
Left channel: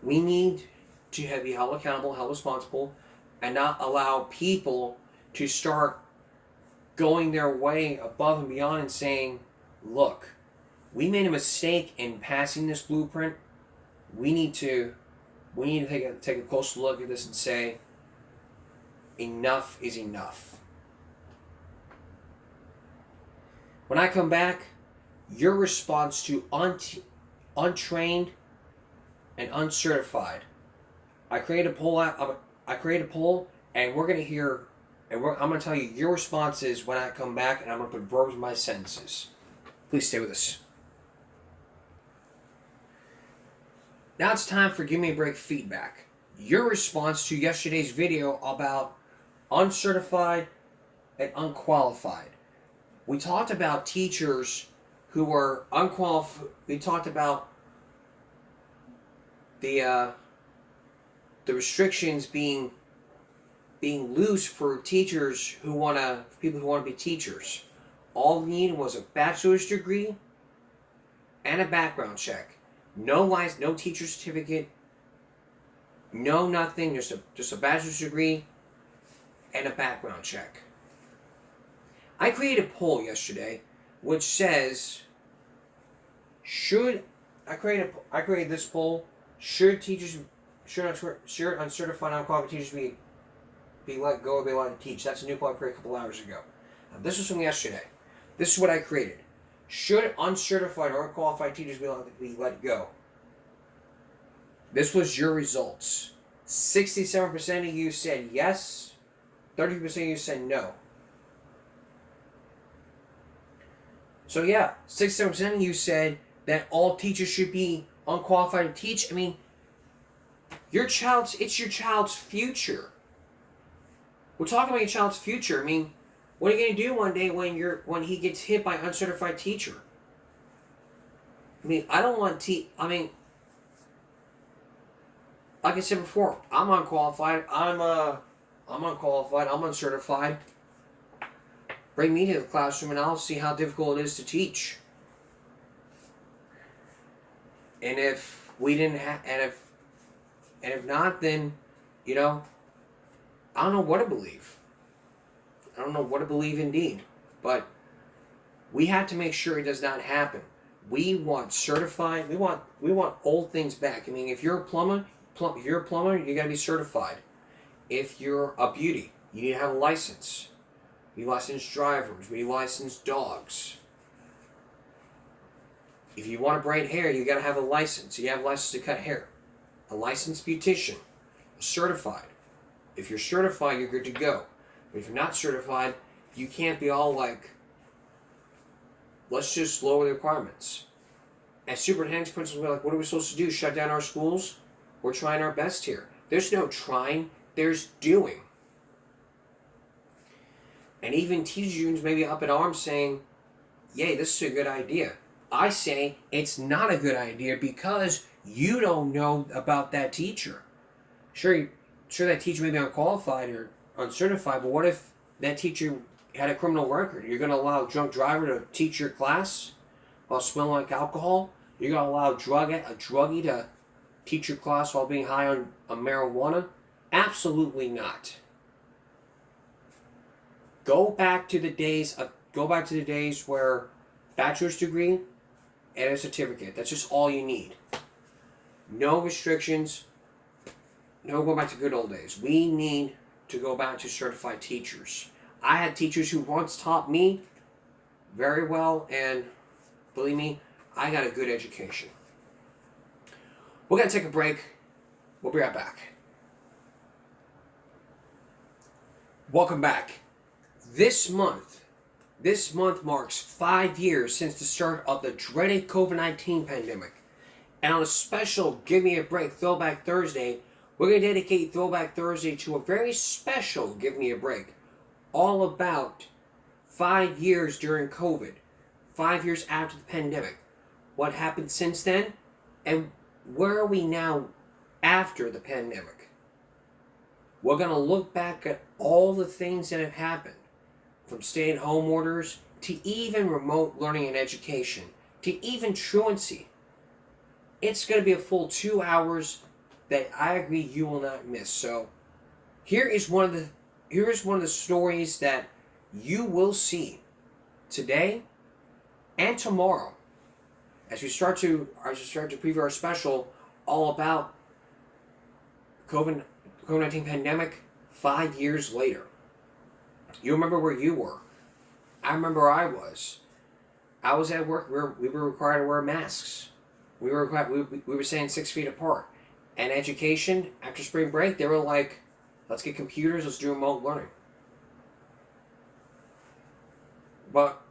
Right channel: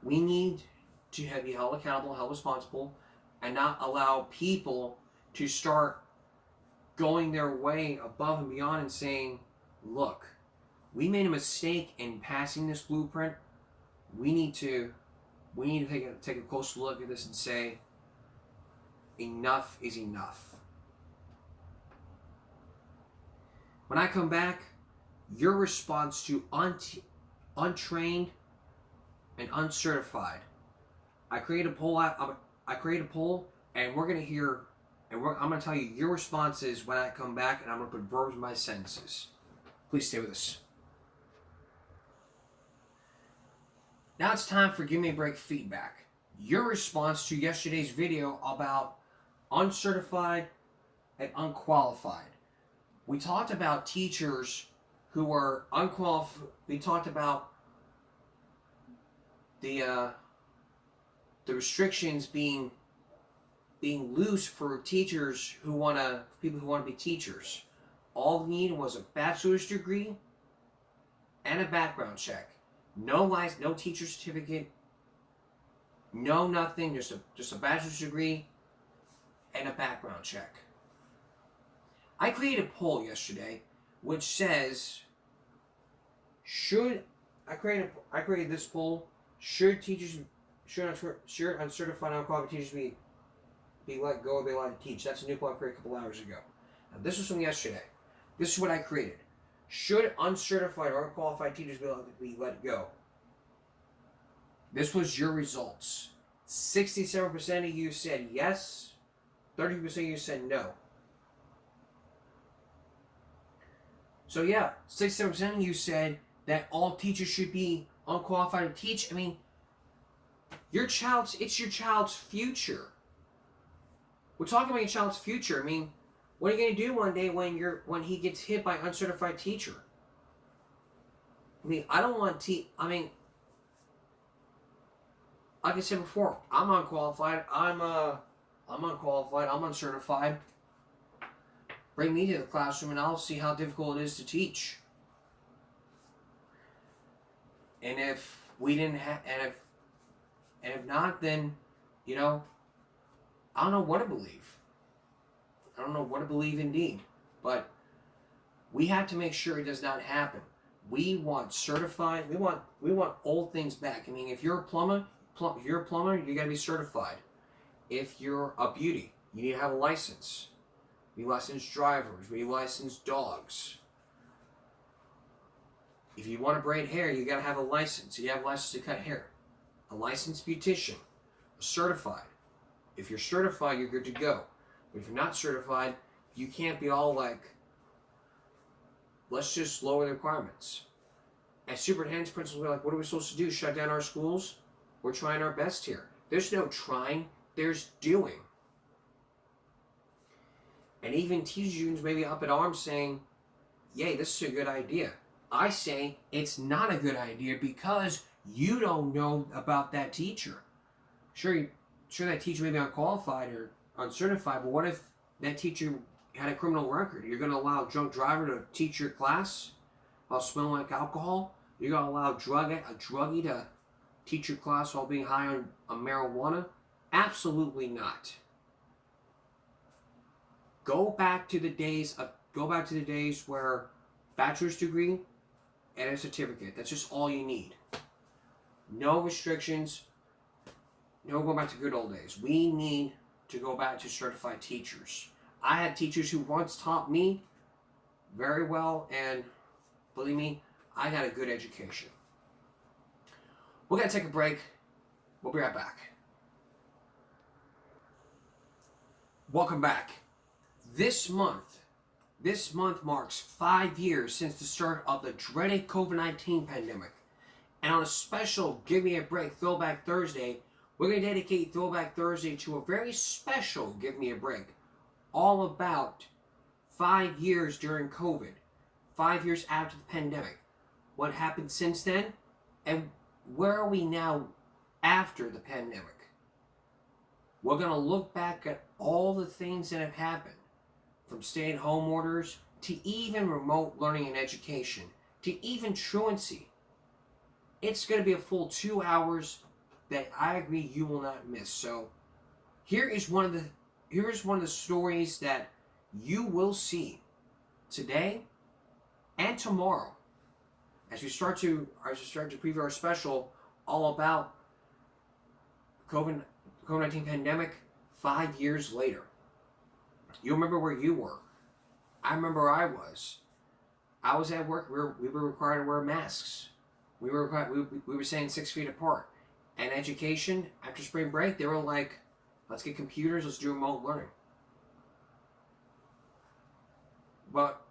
We need to be held accountable, held responsible, and not allow people to start going their way above and beyond and saying, look, we made a mistake in passing this blueprint. We need to take a close look at this and say, enough is enough. When I come back, your response to untrained and uncertified. I create a poll, and we're gonna hear, and I'm gonna tell you your responses when I come back, and I'm gonna put verbs in my sentences. Please stay with us. Now it's time for Give Me a Break feedback. Your response to yesterday's video about uncertified and unqualified. We talked about teachers who were unqualified. We talked about the restrictions being loose for teachers people who want to be teachers. All they needed was a bachelor's degree and a background check. No teacher certificate, no nothing, just a bachelor's degree and a background check. I created a poll yesterday which says, I created this poll, should uncertified, unqualified teachers be let go or be allowed to teach? That's a new poll I created a couple hours ago. Now, this was from yesterday. This is what I created. Should uncertified or unqualified teachers be allowed to be let go? This was your results. 67% of you said yes. 30% of you said no. So yeah, 67% of you said that all teachers should be unqualified to teach. I mean, it's your child's future. We're talking about your child's future. I mean, what are you going to do one day when he gets hit by an uncertified teacher? I mean, I don't want like I said before, I'm unqualified. I'm unqualified. I'm uncertified. Bring me to the classroom and I'll see how difficult it is to teach. And if we didn't have, and if not, then, I don't know what to believe. I don't know what to believe indeed. But we have to make sure it does not happen. We want certified. We want old things back. I mean, if you're a plumber, you gotta be certified. If you're a beauty, you need to have a license. We license drivers. We license dogs. If you want to braid hair, you gotta have a license. You have a license to cut hair. A licensed beautician. Certified. If you're certified, you're good to go. But if you're not certified, you can't be all like, let's just lower the requirements. As superintendent's principals, we're like, what are we supposed to do? Shut down our schools? We're trying our best here. There's no trying, there's doing. And even teachers unions may be up in arms saying, yay, this is a good idea. I say it's not a good idea because you don't know about that teacher. Sure that teacher may be unqualified or uncertified, but what if that teacher had a criminal record? You're going to allow a drunk driver to teach your class while smelling like alcohol? You're going to allow a druggie to teach your class while being high on marijuana? Absolutely not. Go back to the days where bachelor's degree and a certificate. That's just all you need. No restrictions. No going back to good old days. We need to go back to certified teachers. I had teachers who once taught me very well, and believe me, I got a good education. We're going to take a break. We'll be right back. Welcome back. This month marks 5 years since the start of the dreaded COVID-19 pandemic. And on a special Give Me a Break Throwback Thursday, we're going to dedicate Throwback Thursday to a very special Give Me a Break, all about 5 years during COVID, 5 years after the pandemic. What happened since then, and where are we now after the pandemic? We're going to look back at all the things that have happened, from stay-at-home orders to even remote learning and education, to even truancy. It's going to be a full 2 hours that I agree you will not miss. So here is one of the stories that you will see today and tomorrow as we start to preview our special all about COVID-19 pandemic 5 years later. You remember where you were. I remember where I was. I was at work where we were required to wear masks. We were staying 6 feet apart. And education, after spring break, they were like, let's get computers, let's do remote learning. But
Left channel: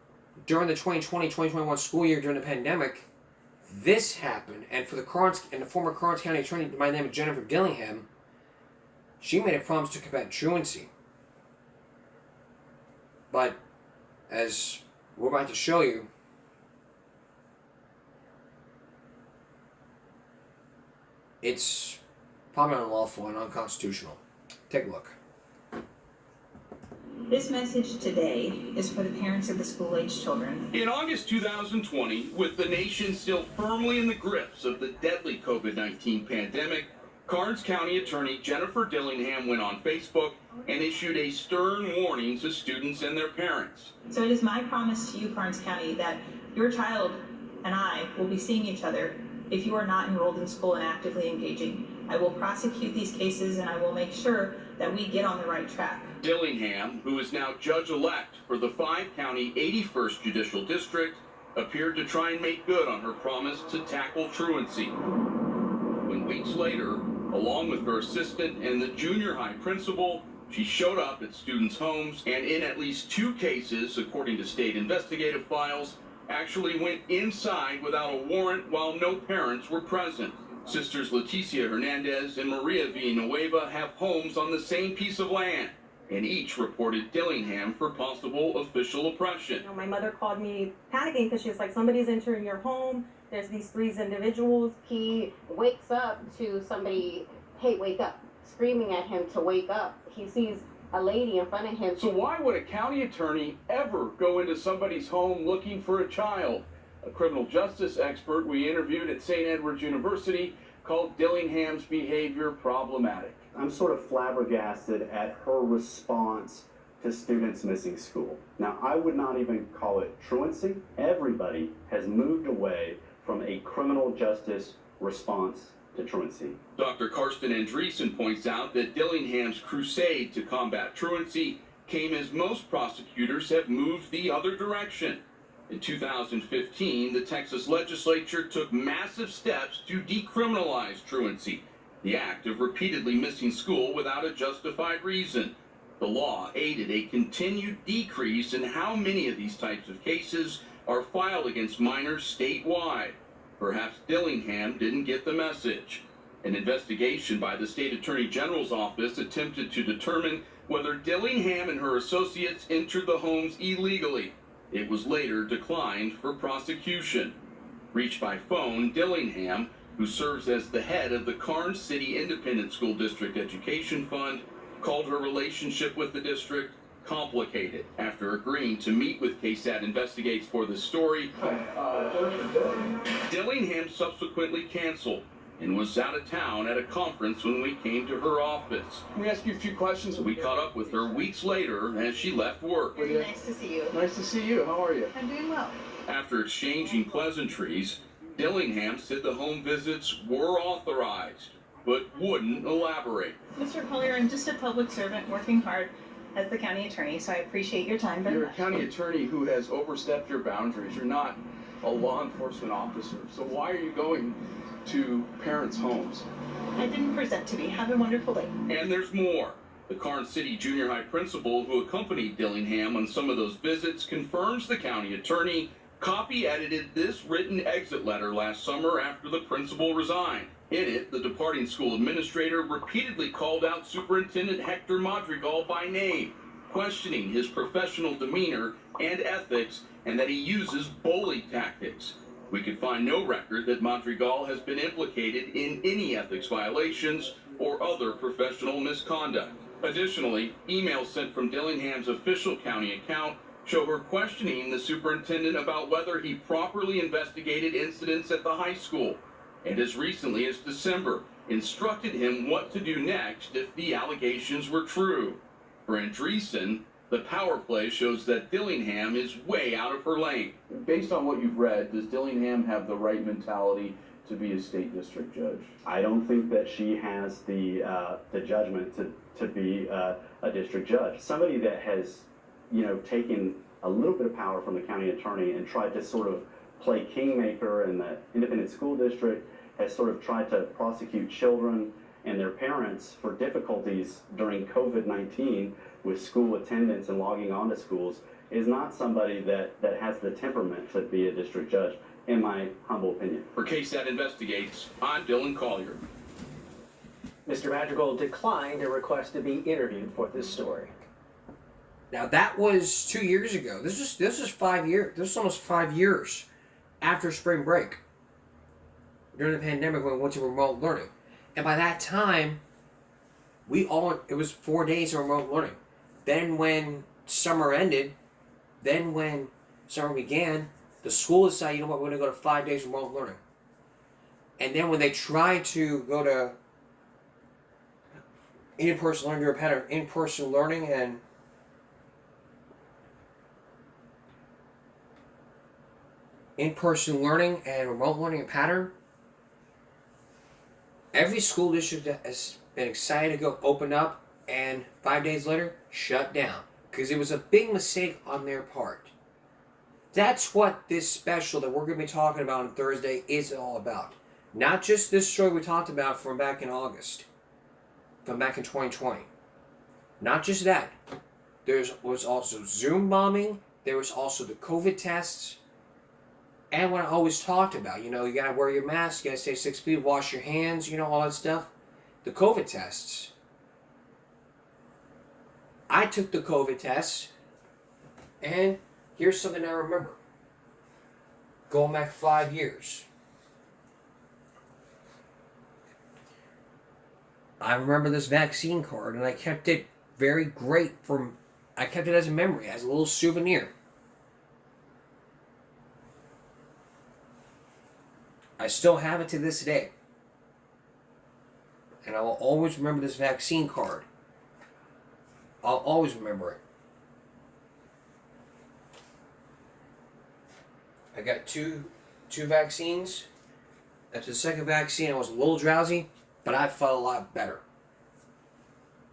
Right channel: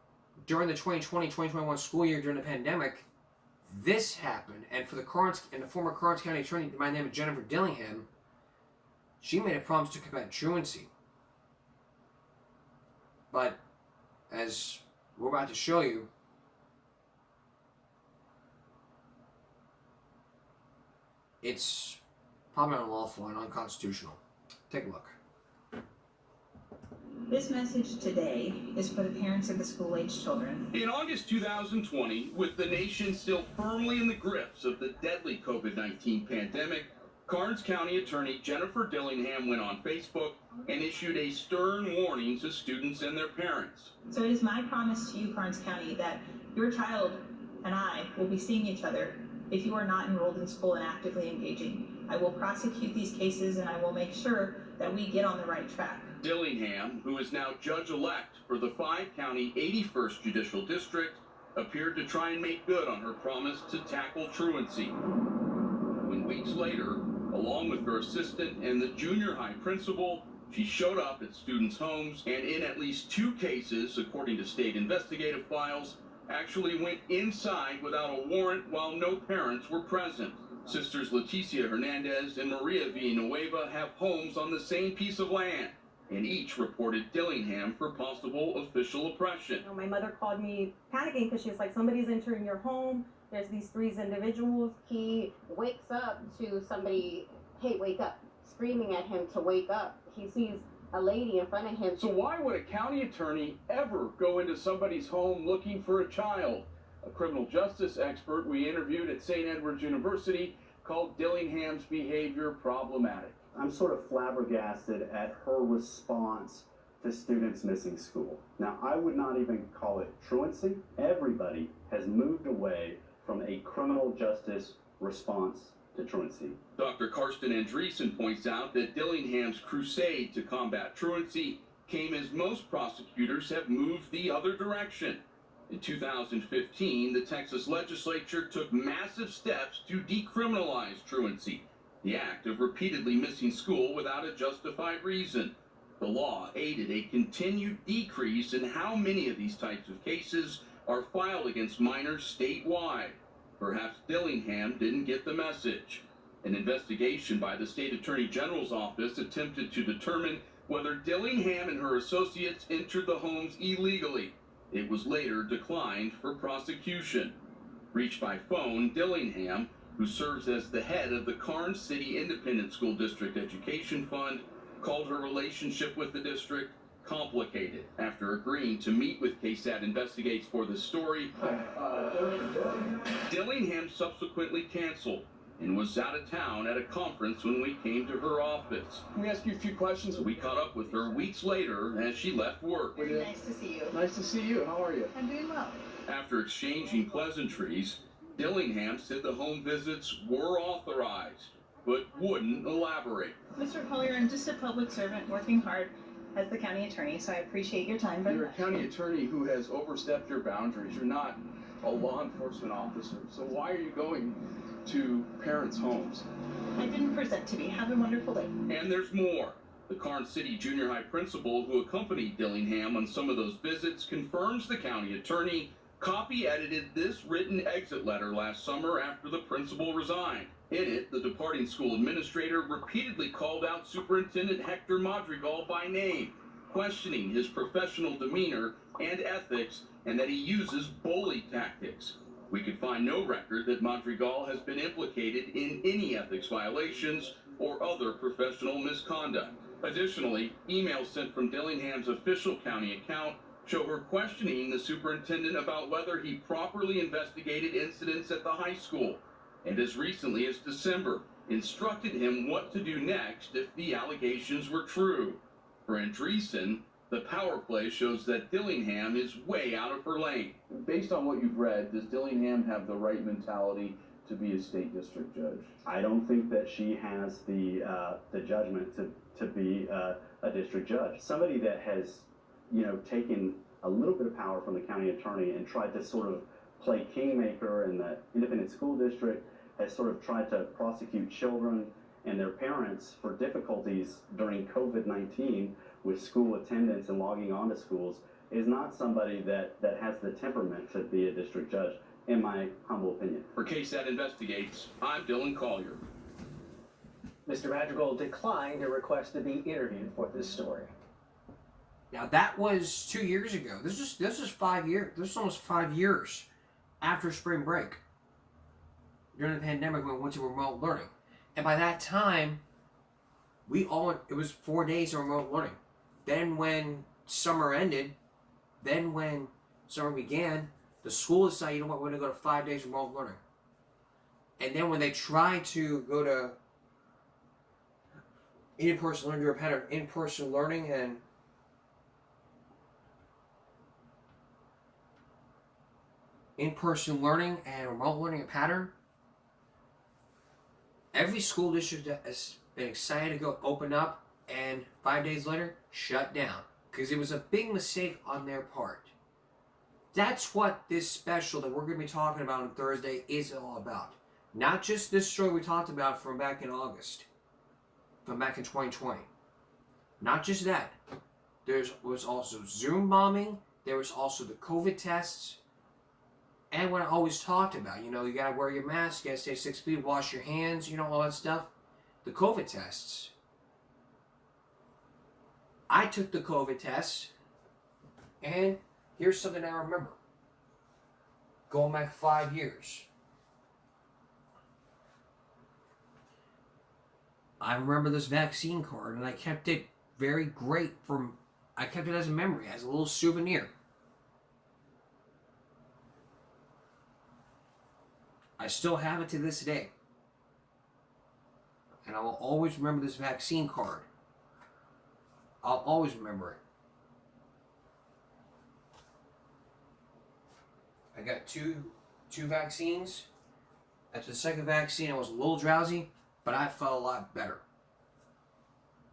during the 2020-2021 school year during the pandemic, this happened. And for the former Karnes County attorney by the name of Jennifer Dillingham, she made a promise to combat truancy. But as we're about to show you, it's probably unlawful and unconstitutional. Take a look. This message today is for the parents of the school-aged children. In August 2020, with the nation still firmly in the grips of the deadly COVID-19 pandemic, Karnes County Attorney Jennifer Dillingham went on Facebook and issued a stern warning to students and their parents. So it is my promise to you, Karnes County, that your child and I will be seeing each other if you are not enrolled in school and actively engaging. I will prosecute these cases and I will make sure that we get on the right track. Dillingham, who is now judge-elect for the 5-county 81st Judicial District, appeared to try and make good on her promise to tackle truancy. When weeks later, along with her assistant and the junior high principal, she showed up at students' homes and in at least 2 cases, according to state investigative files, actually went inside without a warrant while no parents were present. Sisters Leticia Hernandez and Maria Villanueva have homes on the same piece of land, and each reported Dillingham for possible official oppression. You know, my mother called me panicking because she was like, somebody's entering your home. There's these 3 individuals. He wakes up to somebody, hey, wake up, screaming at him to wake up. He sees a lady in front of him. So why would a county attorney ever go into somebody's home looking for a child? A criminal justice expert we interviewed at St. Edward's University called Dillingham's behavior problematic. I'm sort of flabbergasted at her response to students missing school. Now, I would not even call it truancy. Everybody has moved away from a criminal justice response to truancy. Dr. Karsten Andreessen points out that Dillingham's crusade to combat truancy came as most prosecutors have moved the other direction. In 2015, the Texas legislature took massive steps to decriminalize truancy, the act of repeatedly missing school without a justified reason. The law aided a continued decrease in how many of these types of cases are filed against minors statewide. Perhaps Dillingham didn't get the message. An investigation by the state attorney general's office attempted to determine whether Dillingham and her associates entered the homes illegally. It was later declined for prosecution. Reached by phone, Dillingham, who serves as the head of the Karnes City Independent School District Education Fund, called her relationship with the district complicated. After agreeing to meet with KSAT Investigates for the story, Dillingham subsequently canceled and was out of town at a conference when we came to her office. Can we ask you a few questions? We caught up with her weeks later as she left work. Nice to see you. Nice to see you. How are you? I'm doing well. After exchanging pleasantries, Dillingham said the home visits were authorized. but wouldn't elaborate. Mr. Collier, I'm just a public servant working hard as the county attorney, so I appreciate your time very You're a much. county attorney who has overstepped your boundaries. You're not a law enforcement officer. So why are you going to parents' homes? I didn't present to be. Have a wonderful day. And there's more. The Karn City Junior High principal who accompanied Dillingham on some of those visits confirms the county attorney copy-edited this written exit letter last summer after the principal resigned. In it, the departing school administrator repeatedly called out Superintendent Hector Madrigal by name, questioning his professional demeanor and ethics, and that he uses bully tactics. We could find no record that Madrigal has been implicated in any ethics violations or other professional misconduct. Additionally, emails sent from Dillingham's official county account show her questioning the superintendent about whether he properly investigated incidents at the high school, and as recently as December, instructed him what to do next if the allegations were true. For Andreessen, the power play shows that Dillingham is way out of her lane. Based on what you've read, does Dillingham have the right mentality to be a state district judge? I don't think that she has the judgment to be a district judge. Somebody that has, taken a little bit of power from the county attorney and tried to sort of play kingmaker in the independent school district, has sort of tried to prosecute children and their parents for difficulties during COVID-19 with school attendance and logging on to schools, is not somebody that has the temperament to be a district judge, in my humble opinion. For KSAT Investigates, I'm Dylan Collier. Mr. Madrigal declined a request to be interviewed for this story. Now that was 2 years ago. This is 5 years. This is almost 5 years after spring break. During the pandemic when we went to remote learning. And by that time, it was 4 days of remote learning. Then when summer ended, then when summer began, the school decided, you know what, we're going to go to 5 days of remote learning. And then when they tried to go to in-person learning, a pattern in-person learning and remote learning pattern, every school district that has been excited to go open up and 5 days later shut down because it was a big mistake on their part. That's what this special that we're going to be talking about on Thursday is all about. Not just this story we talked about from back in August, from back in 2020. Not just that. There was also Zoom bombing. There was also the COVID tests. And what I always talked about, you got to wear your mask, you got to stay 6 feet, wash your hands, all that stuff. The COVID tests. I took the COVID test, and here's something I remember. Going back 5 years. I remember this vaccine card, and I kept it very great I kept it as a memory, as a little souvenir. I still have it to this day. And I will always remember this vaccine card. I'll always remember it. I got two vaccines. After the second vaccine, I was a little drowsy, but I felt a lot better.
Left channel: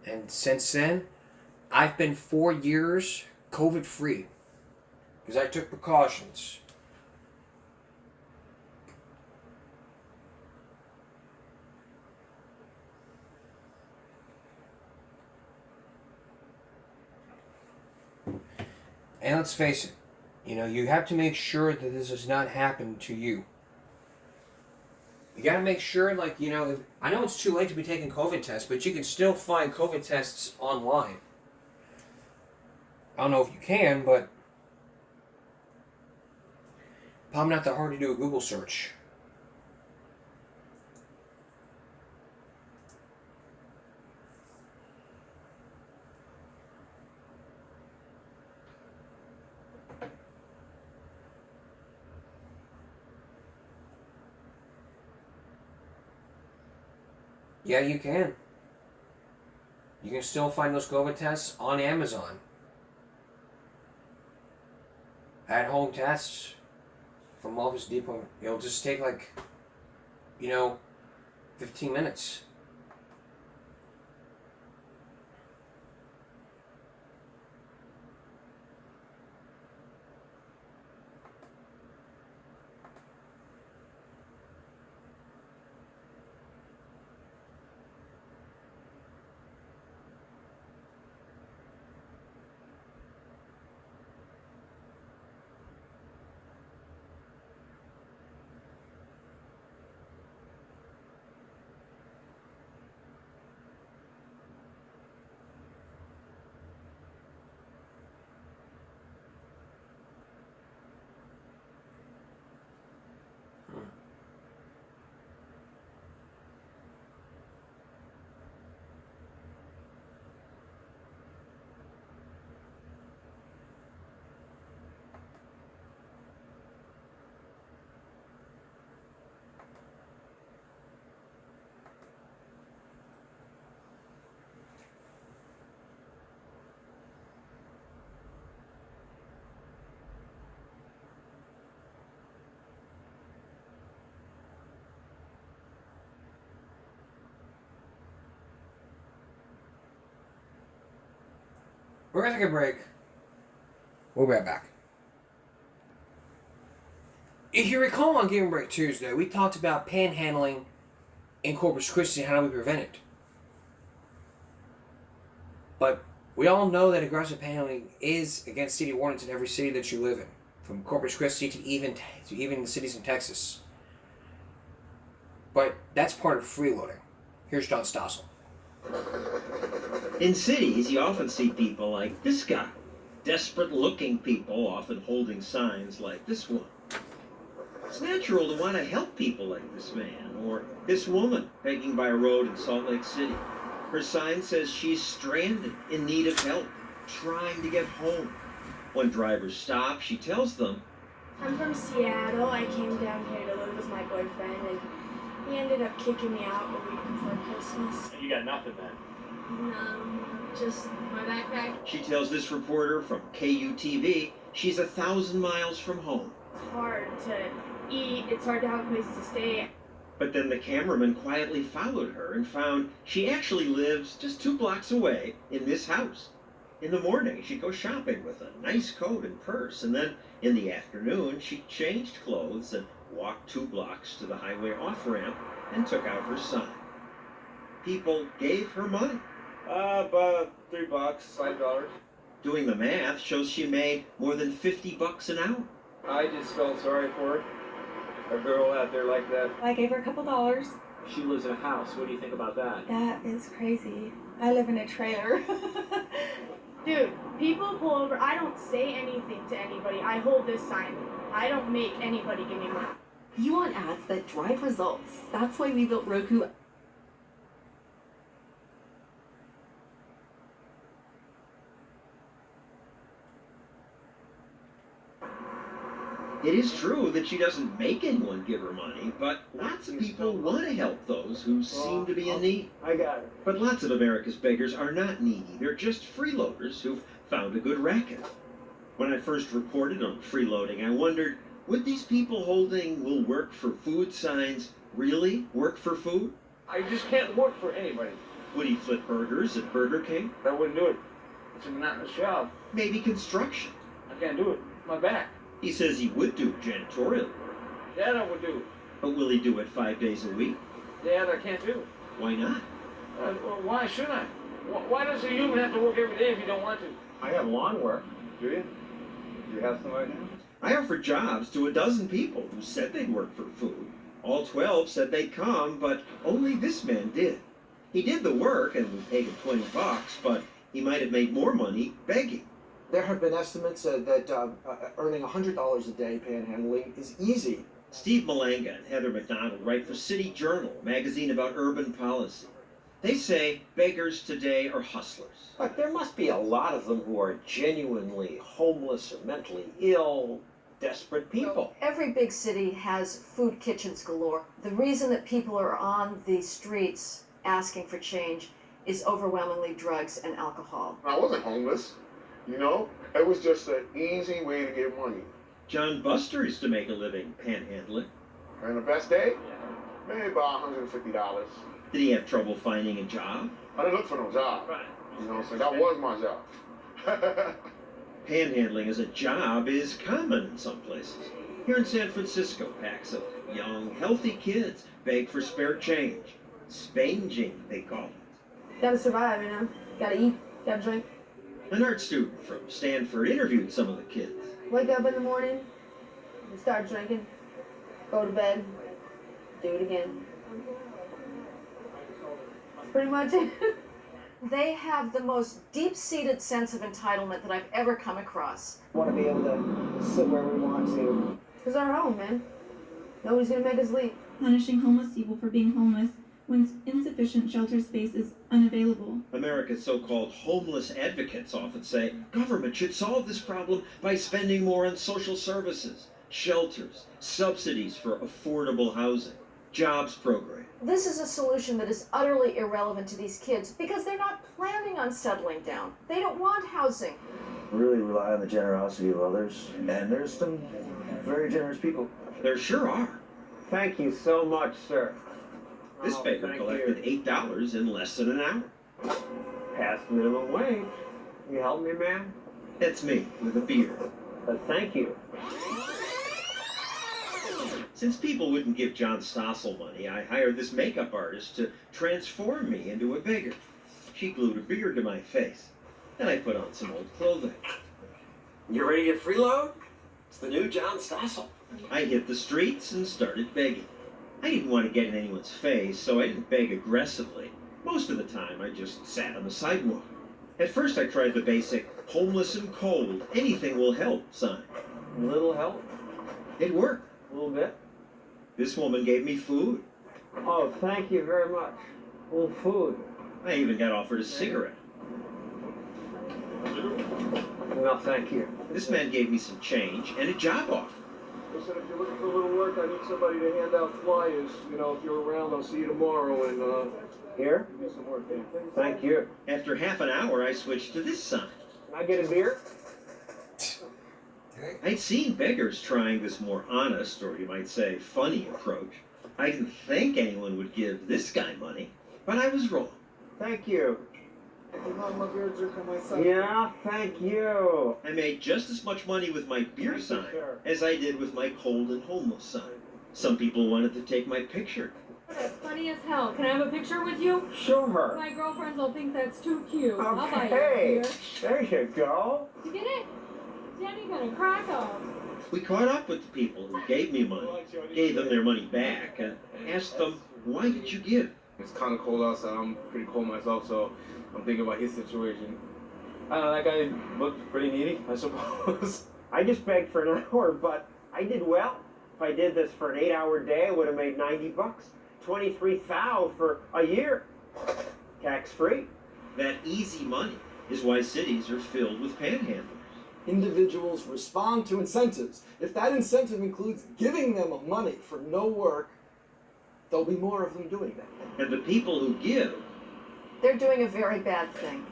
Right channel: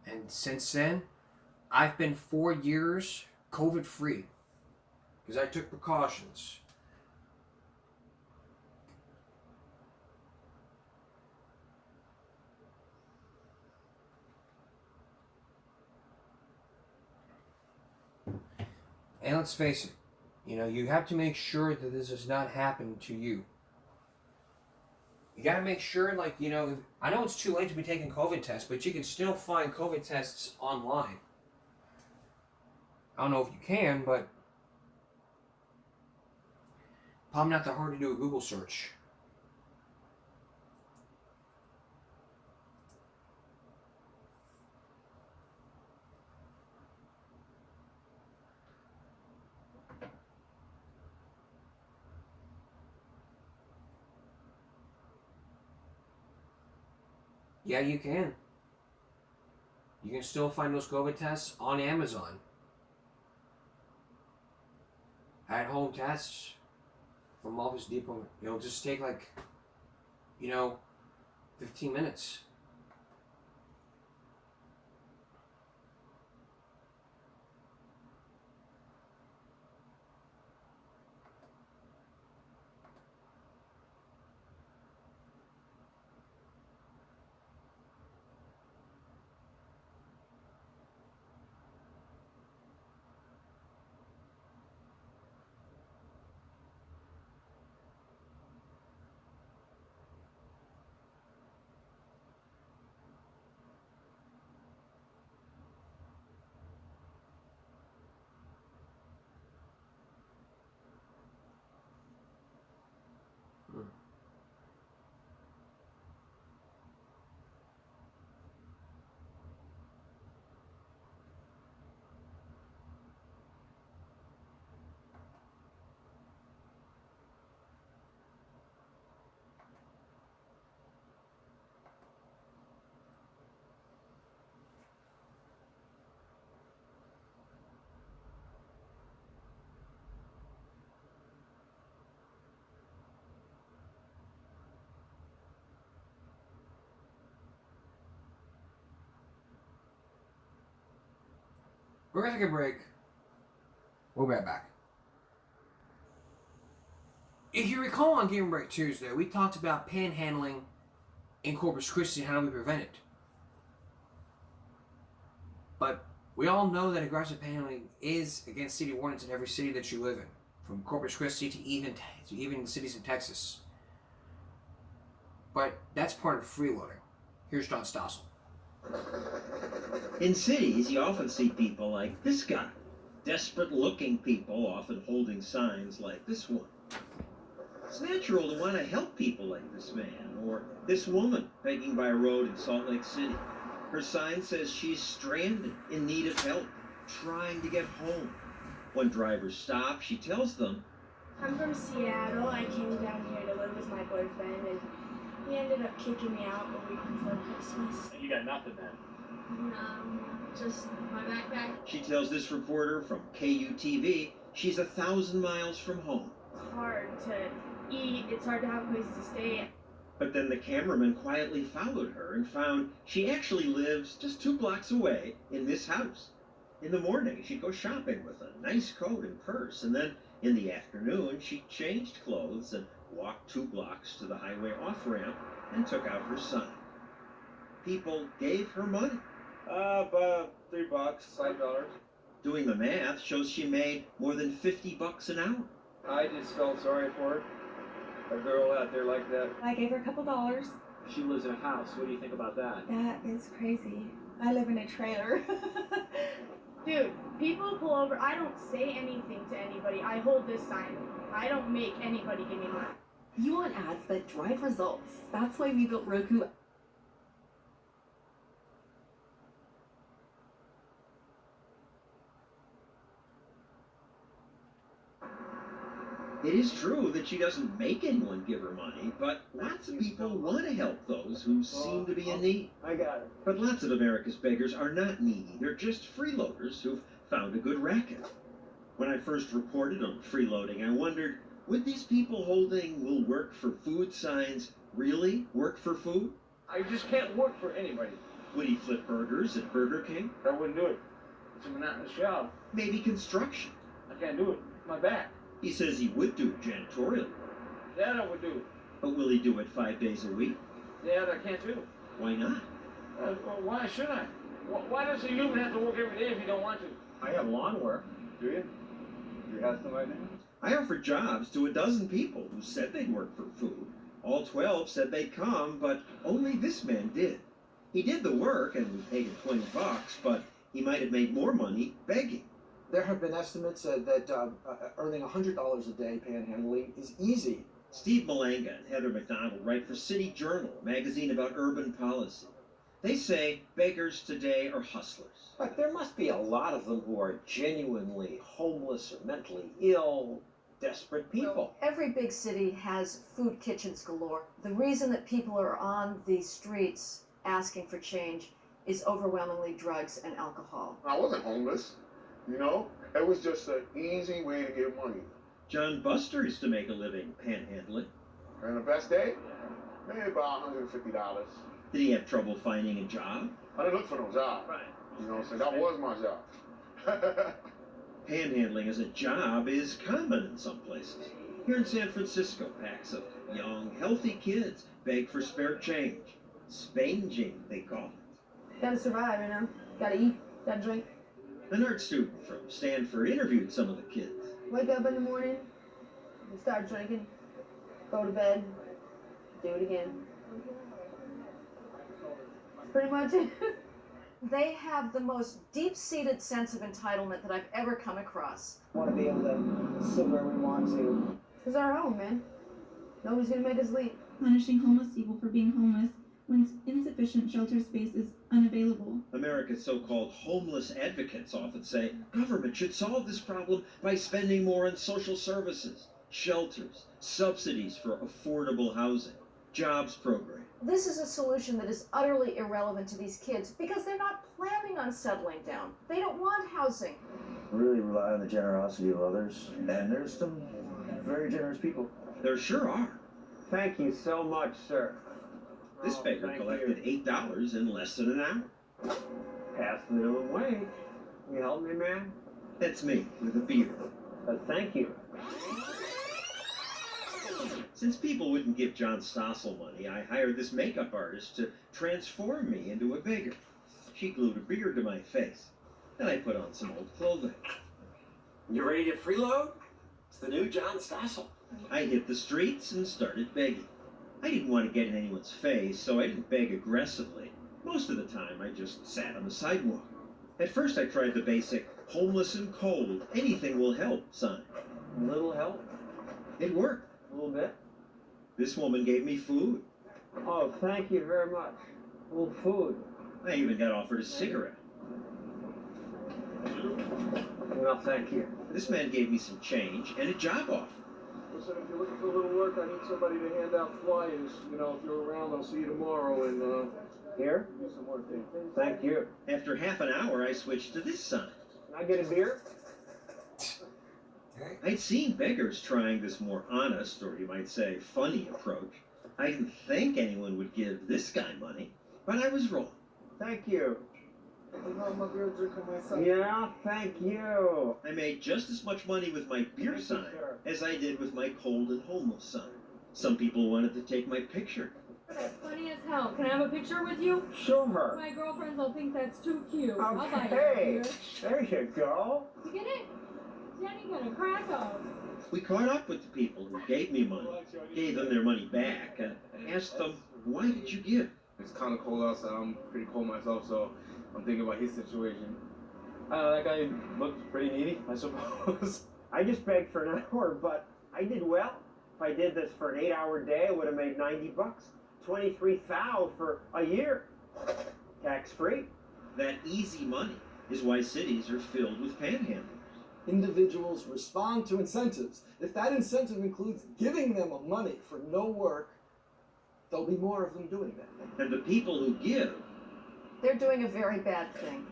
And since then, I've been 4 years COVID-free because I took precautions. And let's face it, you have to make sure that this does not happen to you. You got to make sure, I know it's too late to be taking COVID tests, but you can still find COVID tests online. I don't know if you can, but probably not that hard to do a Google search. Yeah, you can. You can still find those COVID tests on Amazon. At-home tests from Office Depot. It'll just take 15 minutes. We're going to take a break. We'll be right back. If you recall on Give 'em Break Tuesday, we talked about panhandling in Corpus Christi and how do we prevent it. But we all know that aggressive panhandling is against city ordinance in every city that you live in, from Corpus Christi to even the cities in Texas. But that's part of freeloading. Here's John Stossel. In cities, you often see people like this guy. Desperate-looking people, often holding signs like this one. It's natural to want to help people like this man, or this woman begging by a road in Salt Lake City. Her sign says she's stranded, in need of help, trying to get home. When drivers stop, she tells them, I'm from Seattle. I came down here to live with my boyfriend, and he ended up kicking me out a week before Christmas. You got nothing then? No, just my backpack. She tells this reporter from KUTV she's 1,000 miles from home. It's hard to eat. It's hard to have a place to stay. But then the cameraman quietly followed her and found she actually lives just 2 blocks away in this house. In the morning, she'd go shopping with a nice coat and purse, and then in the afternoon, she changed clothes and walked 2 blocks to the highway off-ramp and took out her sign. People gave her money. About $3, $5. Doing the math shows she made more than $50 an hour. I just felt sorry for her. A girl out there like that. I gave her a couple dollars. She lives in a house. What do you think about that? That is crazy. I live in a trailer. Dude, people pull over. I don't say anything to anybody. I hold this sign. I don't make anybody give me money. You want ads that drive results. That's why we built Roku. It is true that she doesn't make anyone give her money, but lots of people want to help those who seem to be in need. I got it. But lots of America's beggars are not needy. They're just freeloaders who've found a good racket. When I first reported on freeloading, I wondered, would these people holding "will work for food" signs really work for food? I just can't work for anybody. Would he flip burgers at Burger King? I wouldn't do it. It's a monotonous job. Maybe construction. I can't do it. My back. He says he would do janitorial work. That I would do. But will he do it 5 days a week? That I can't do. Why not? Well, why should I? Why does a human have to work every day if you don't want to? I have lawn work. Do you? You have some right now? I offered jobs to 12 people who said they'd work for food. All 12 said they'd come, but only this man did. He did the work and we paid him $20, but he might have made more money begging. There have been estimates that earning $100 a day panhandling is easy. Steve Malanga and Heather McDonald write for City Journal, a magazine about urban policy. They say beggars today are hustlers. But there must be a lot of them who are genuinely homeless or mentally ill, desperate people. Every big city has food kitchens galore. The reason that people are on the streets asking for change is overwhelmingly drugs and alcohol. I wasn't homeless, you know? It was just an easy way to get money. John Buster used to make a living panhandling. And the best day? Maybe about $150. Did he have trouble finding a job? I didn't look for no job. Right. You know what I'm saying? That was my job. Panhandling as a job is common in some places. Here in San Francisco, packs of young, healthy kids beg for spare change. Spanging, they call it. Gotta survive, you know? Gotta eat, gotta drink. An art student from Stanford interviewed some of the kids. Wake up in the morning, start drinking, go to bed, do it again. That's pretty much it. They have the most deep-seated sense of entitlement that I've ever come across. Want to be able to sit where we want to. It's our home, man. Nobody's gonna make us leave. Punishing homeless people for being homeless when insufficient shelter space is unavailable. America's so-called homeless advocates often say government should solve this problem by spending more on social services, shelters, subsidies for affordable housing, jobs programs. This is a solution that is utterly irrelevant to these kids because they're not planning on settling down. They don't want housing. Really rely on the generosity of others, and there's some very generous people. There sure are. Thank you so much, sir. This beggar collected $8 in less than an hour. Past minimum wage. You help me, man? That's me, with a beard. Thank you. Since people wouldn't give John Stossel money, I hired this makeup artist to transform me into a beggar. She glued a beard to my face. Then I put on some old clothing. You ready to freeload? It's the new John Stossel. I hit the streets and started begging. I didn't want to get in anyone's face, so I didn't beg aggressively. Most of the time, I just sat on the sidewalk. At first, I tried the basic homeless and cold, anything will help sign. A little help? It worked. A little bit? This woman gave me food. Oh, thank you very much. A little food. I even got offered a cigarette. No, thank you. This man gave me some change and a job offer. He said, if you're looking for a little work, I need somebody to hand out flyers. You know, if you're around, I'll see you tomorrow and, Here? do some work there. Thank you. After half an hour, I switched to this sign. Can I get a beer? I'd seen beggars trying this more honest, or you might say funny approach. I didn't think anyone would give this guy money, but I was wrong. Thank you. Yeah, thank you. I made just as much money with my beer sign as I did with my cold and homeless sign. Some people wanted to take my picture. That's funny as hell. Can I have a picture with you? Sure. My girlfriends will think that's too cute. I'll buy you a Okay. beer. There you go. You get it? Jenny gonna crack up. We caught up with the people who gave me money, gave them their money back, and asked them, why did you give? It's kind of cold outside. I'm pretty cold myself, so I'm thinking about his situation. I don't know, that guy looked pretty needy, I suppose. I just begged for an hour, but I did well. If I did this for an 8-hour day, I would have made $90. 23,000 for a year. Tax-free. That easy money is why cities are filled with panhandlers. Individuals respond to incentives. If that incentive includes giving them money for no work, there'll be more of them doing that. And the people who give, They're doing a very bad thing.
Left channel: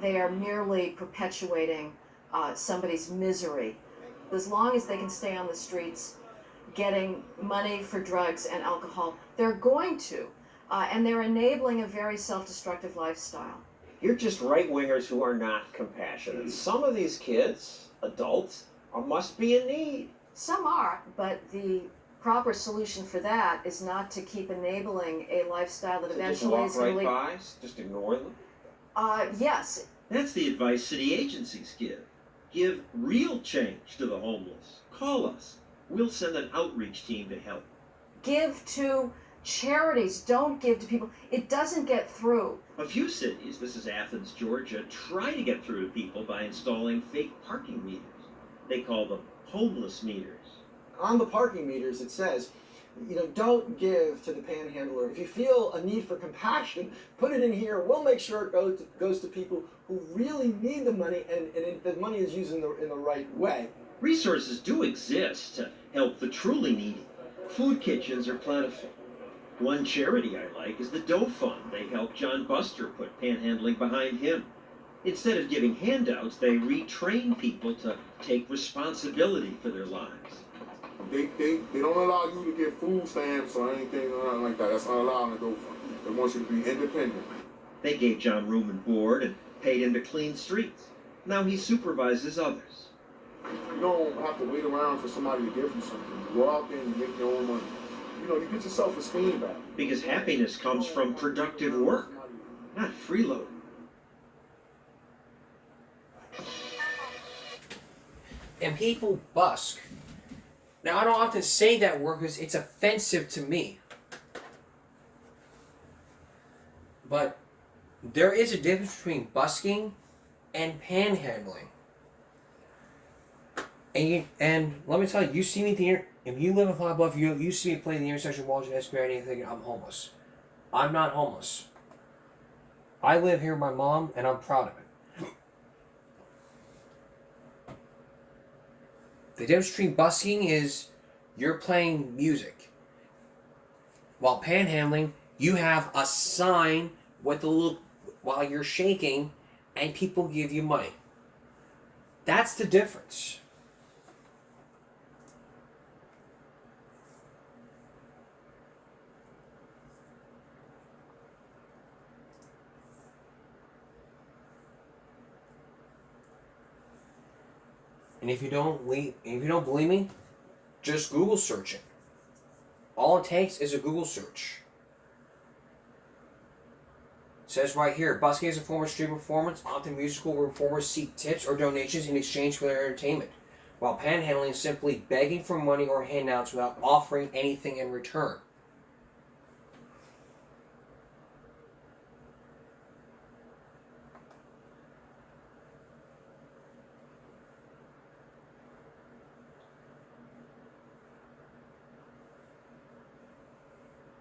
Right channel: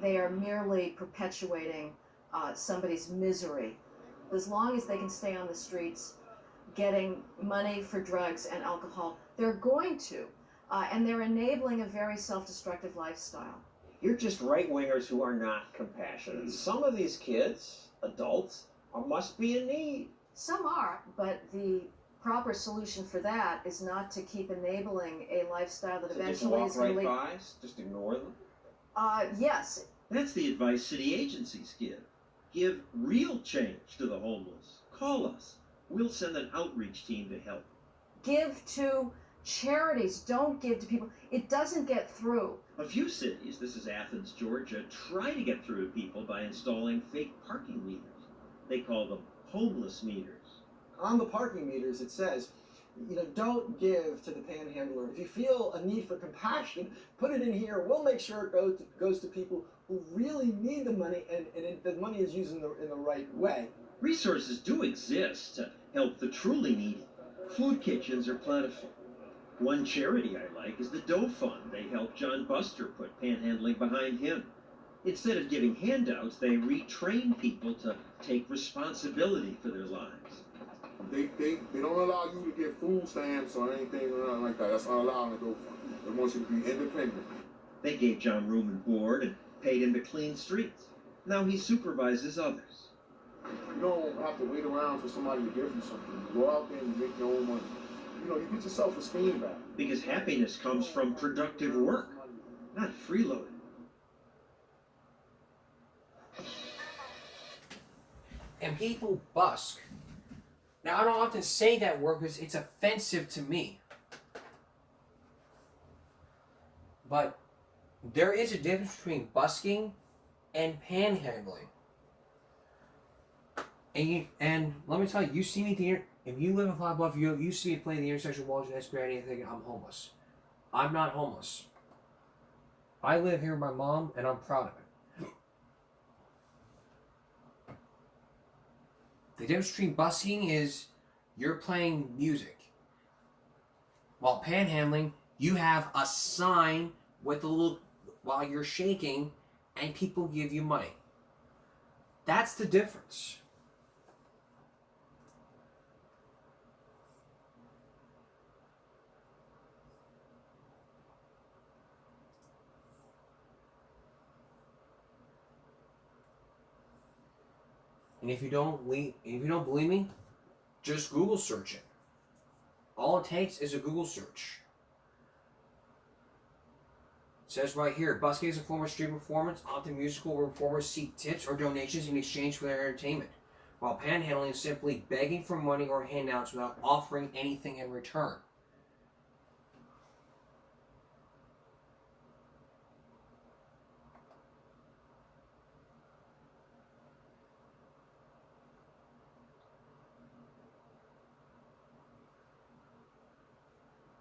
They are merely perpetuating somebody's misery. As long as they can stay on the streets getting money for drugs and alcohol, they're going to. And they're enabling a very self-destructive lifestyle. you're just right-wingers who are not compassionate. Some of these kids, adults, must be in need. Some are, but the proper solution for that is not to keep enabling a lifestyle that eventually is going to lead. By, just ignore them? Yes. That's the advice city agencies give. Give real change to the homeless. Call us. We'll send an outreach team to help. Give to charities. Don't give to people. It doesn't get through. A few cities, this is Athens, Georgia, try to get through to people by installing fake parking meters. They call them homeless meters. On the parking meters, it says, don't give to the panhandler. If you feel a need for compassion, put it in here. We'll make sure it goes to people who really need the money, and the money is used in the right way. Resources do exist to help the truly needy. Food kitchens are plentiful. One charity I like is the Dough Fund. They help John Buster put panhandling behind him. Instead of giving handouts, they retrain people to take responsibility for their lives. They don't allow you to get food stamps or anything around like that. That's not allowed in the Dough Fund. They want you to be independent. They gave John room and board and paid him to clean streets. Now he supervises others. You don't have to wait around for somebody to give you something. You go out there and you make your own money. You get your self-esteem back. Because happiness comes from productive work, not freeloading. And people busk. Now, I don't often say that word because it's offensive to me. But there is a difference between busking and panhandling. And let me tell you, you see me there. If you live in Flat Bluff, you see me playing the intersection walls and Esplanade, and thinking I'm homeless. I'm not homeless. I live here with my mom, and I'm proud of it. The difference between busking is you're playing music. While panhandling, you have a sign with a little, while you're shaking, and people give you money. That's the difference. And if you don't believe me, just Google search it. All it takes is a Google search. It says right here, busking is a form of street performance, often musical, where performers seek tips or donations in exchange for their entertainment, while panhandling is simply begging for money or handouts without offering anything in return.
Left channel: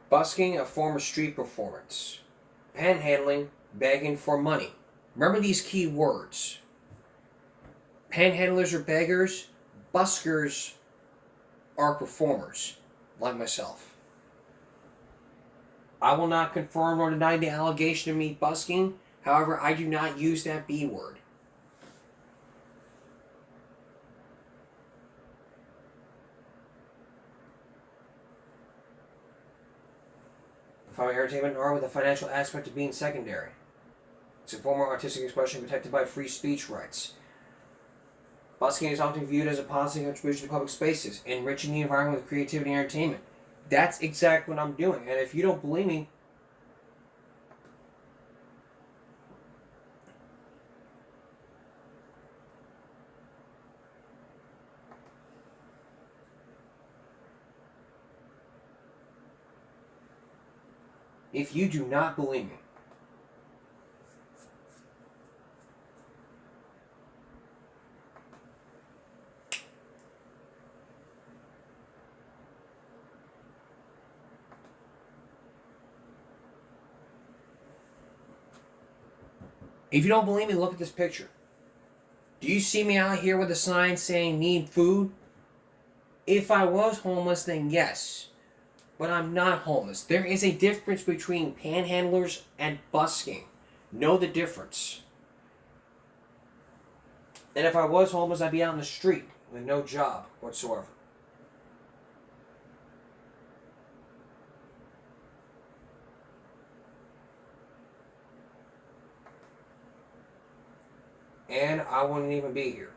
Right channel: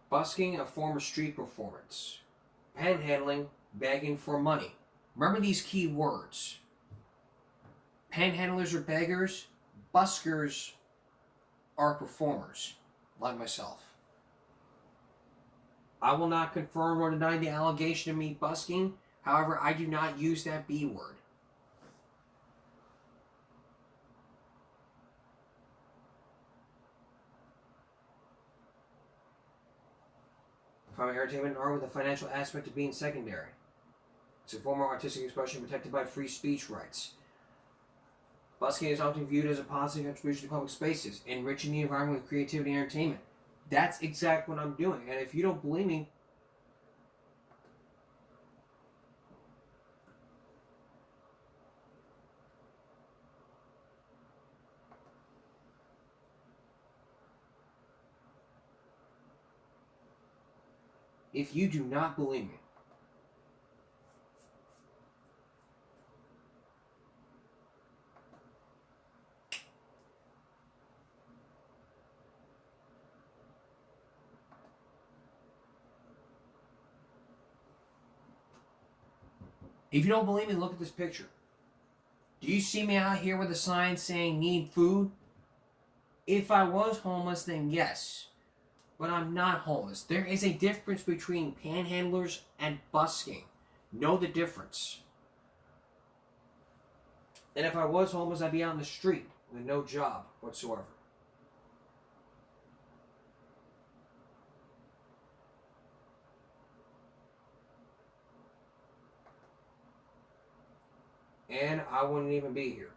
Busking, a form of street performance. Panhandling, begging for money. Remember these key words. Panhandlers are beggars. Buskers are performers, like myself. I will not confirm or deny the allegation of me busking. However, I do not use that B word. From entertainment art with a financial aspect of being secondary. It's a form of artistic expression protected by free speech rights. Busking is often viewed as a positive contribution to public spaces, enriching the environment with creativity and entertainment. That's exactly what I'm doing. And if you don't believe me, if you do not believe me, look at this picture. Do you see me out here with a sign saying need food? If I was homeless, then yes. But I'm not homeless. There is a difference between panhandlers and busking. Know the difference. And if I was homeless, I'd be out in the street with no job whatsoever. And I wouldn't even be here.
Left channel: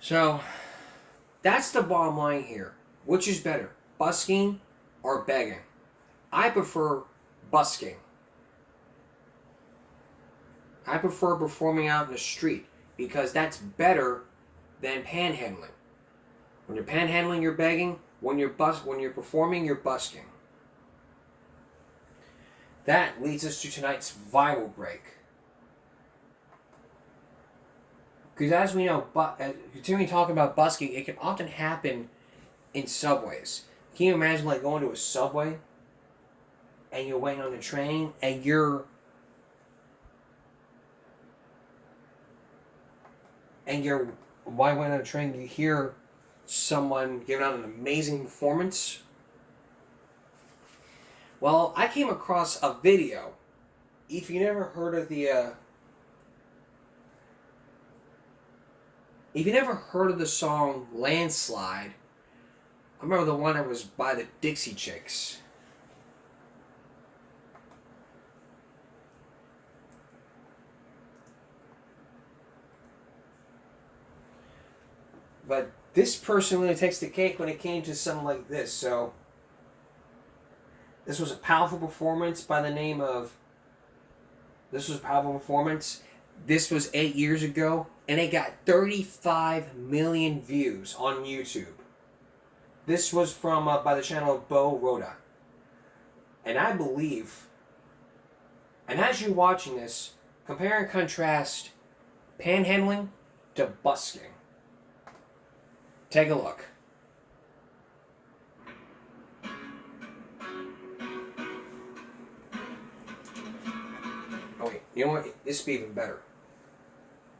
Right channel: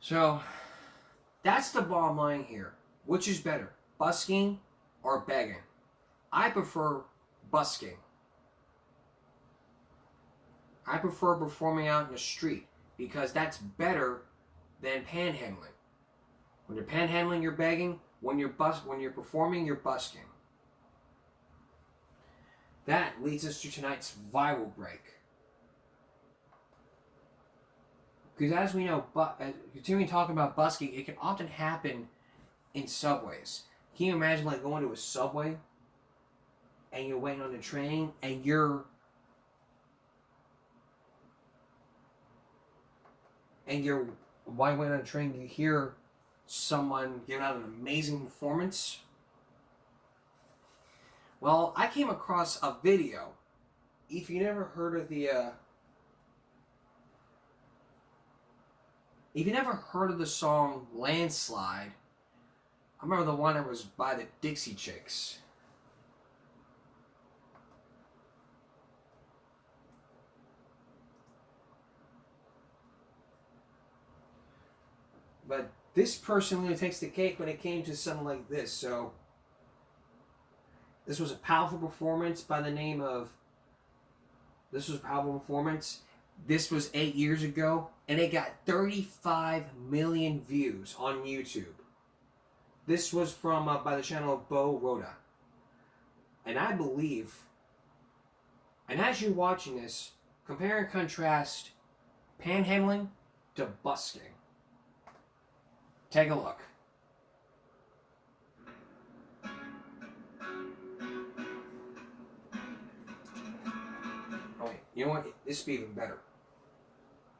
So, that's the bottom line here. Which is better, busking or begging? I prefer busking. I prefer performing out in the street because that's better than panhandling. When you're panhandling, you're begging. When you're performing, you're busking. That leads us to tonight's viral break. Because as we know, continuing talking about busking, it can often happen in subways. Can you imagine like going to a subway and you're waiting on the train and while waiting on the train, you hear someone giving out an amazing performance? Well, I came across a video. If you never heard of the song Landslide, I remember the one that was by the Dixie Chicks. But this person really takes the cake when it came to something like this. So, this was a powerful performance by the name of... This was a powerful performance. This was 8 years ago. And it got 35 million views on YouTube. This was from by the channel Bo Rhoda. And I believe... And as you're watching this, compare and contrast panhandling to busking. Take a look. Oh wait, you know what? This would be even better.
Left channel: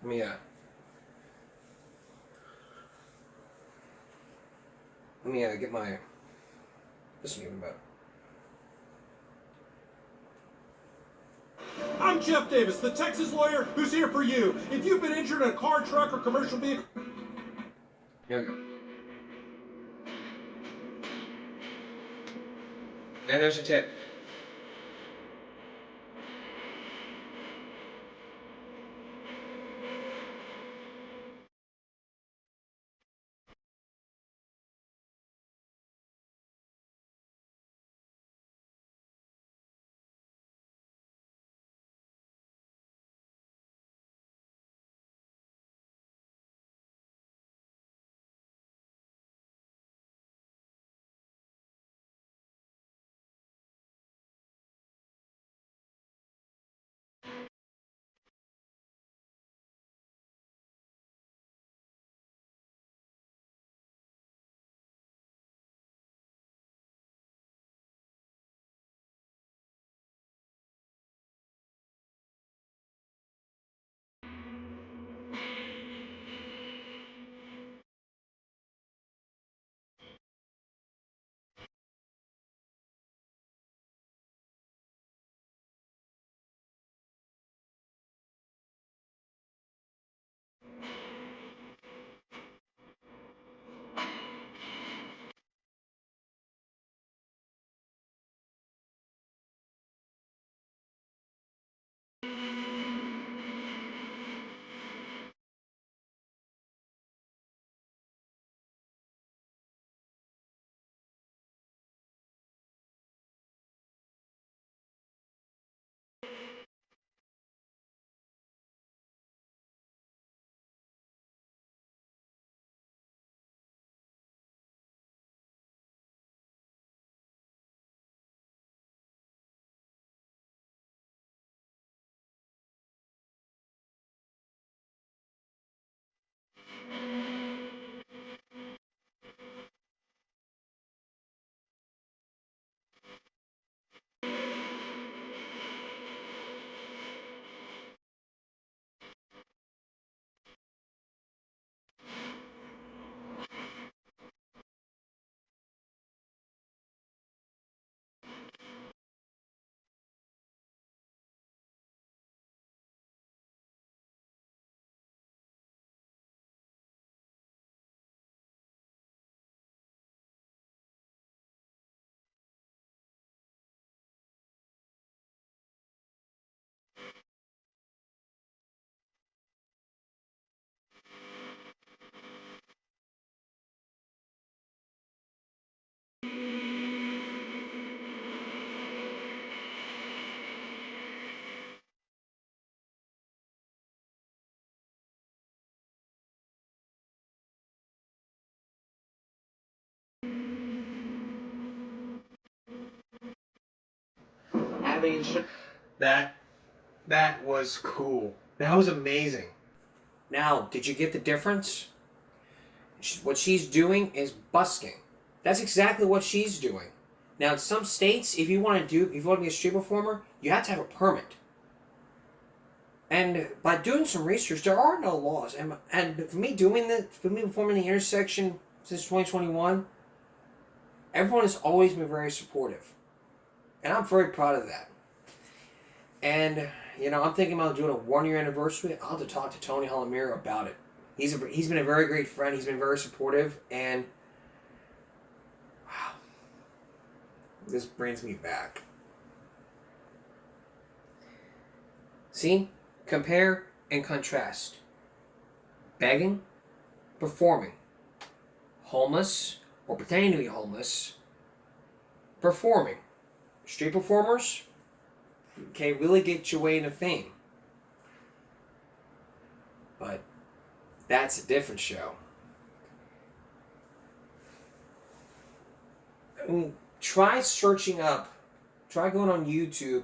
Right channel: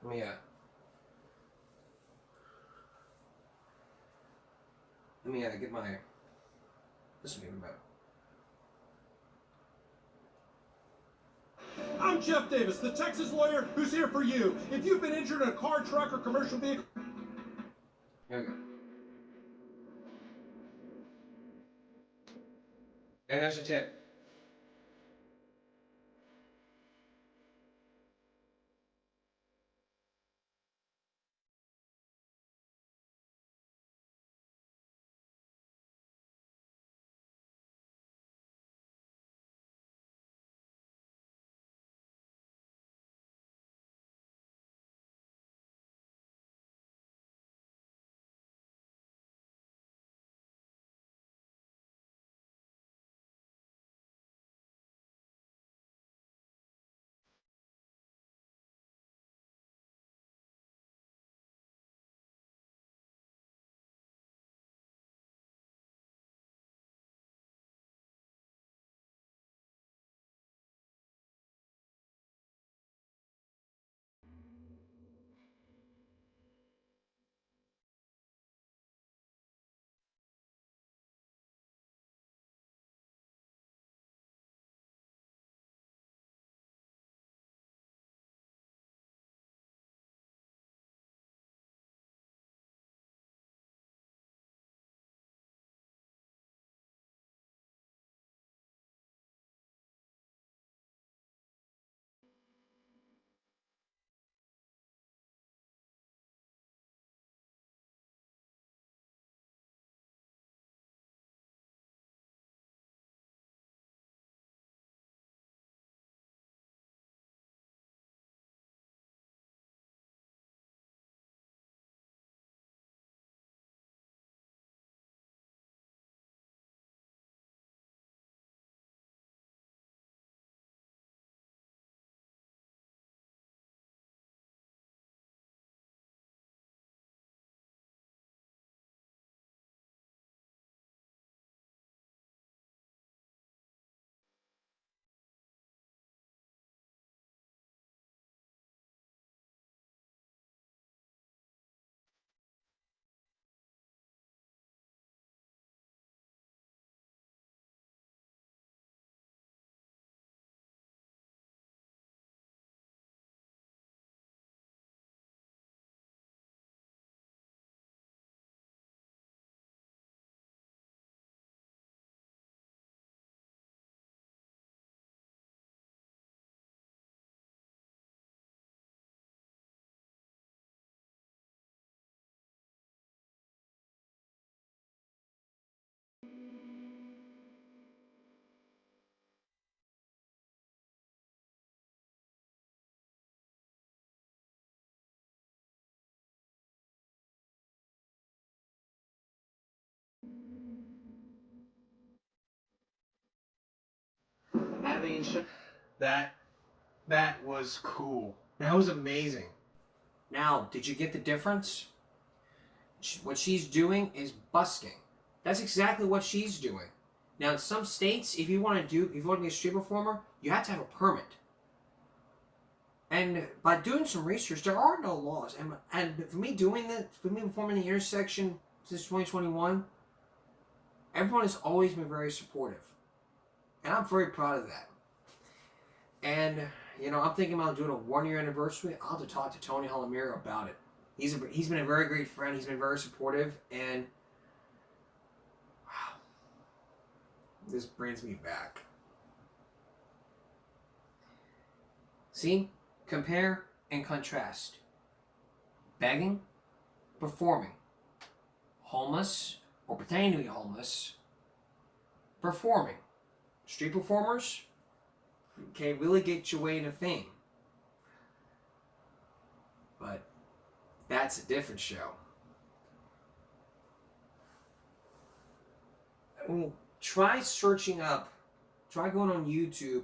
Let me get my... This will be even better. I'm Jeff Davis, the Texas lawyer who's here for you. If you've been injured in a car, truck, or commercial vehicle... Here we go. And there's a tip. That was cool. That was amazing. Now, did you get the difference? What she's doing is busking. That's exactly what she's doing. Now, in some states, if you want to be a street performer, you have to have a permit. And by doing some research, there are no laws. And for me performing the intersection since 2021, everyone has always been very supportive. And I'm very proud of that. And, I'm thinking about doing a 1-year anniversary. I'll have to talk to Tony Halamiro about it. He's been a very great friend. He's been very supportive. And, wow, this brings me back. See? Compare and contrast. Begging, performing. Homeless, or pretending to be homeless, performing. Street performers can really get your way into fame. But that's a different show. Try going on YouTube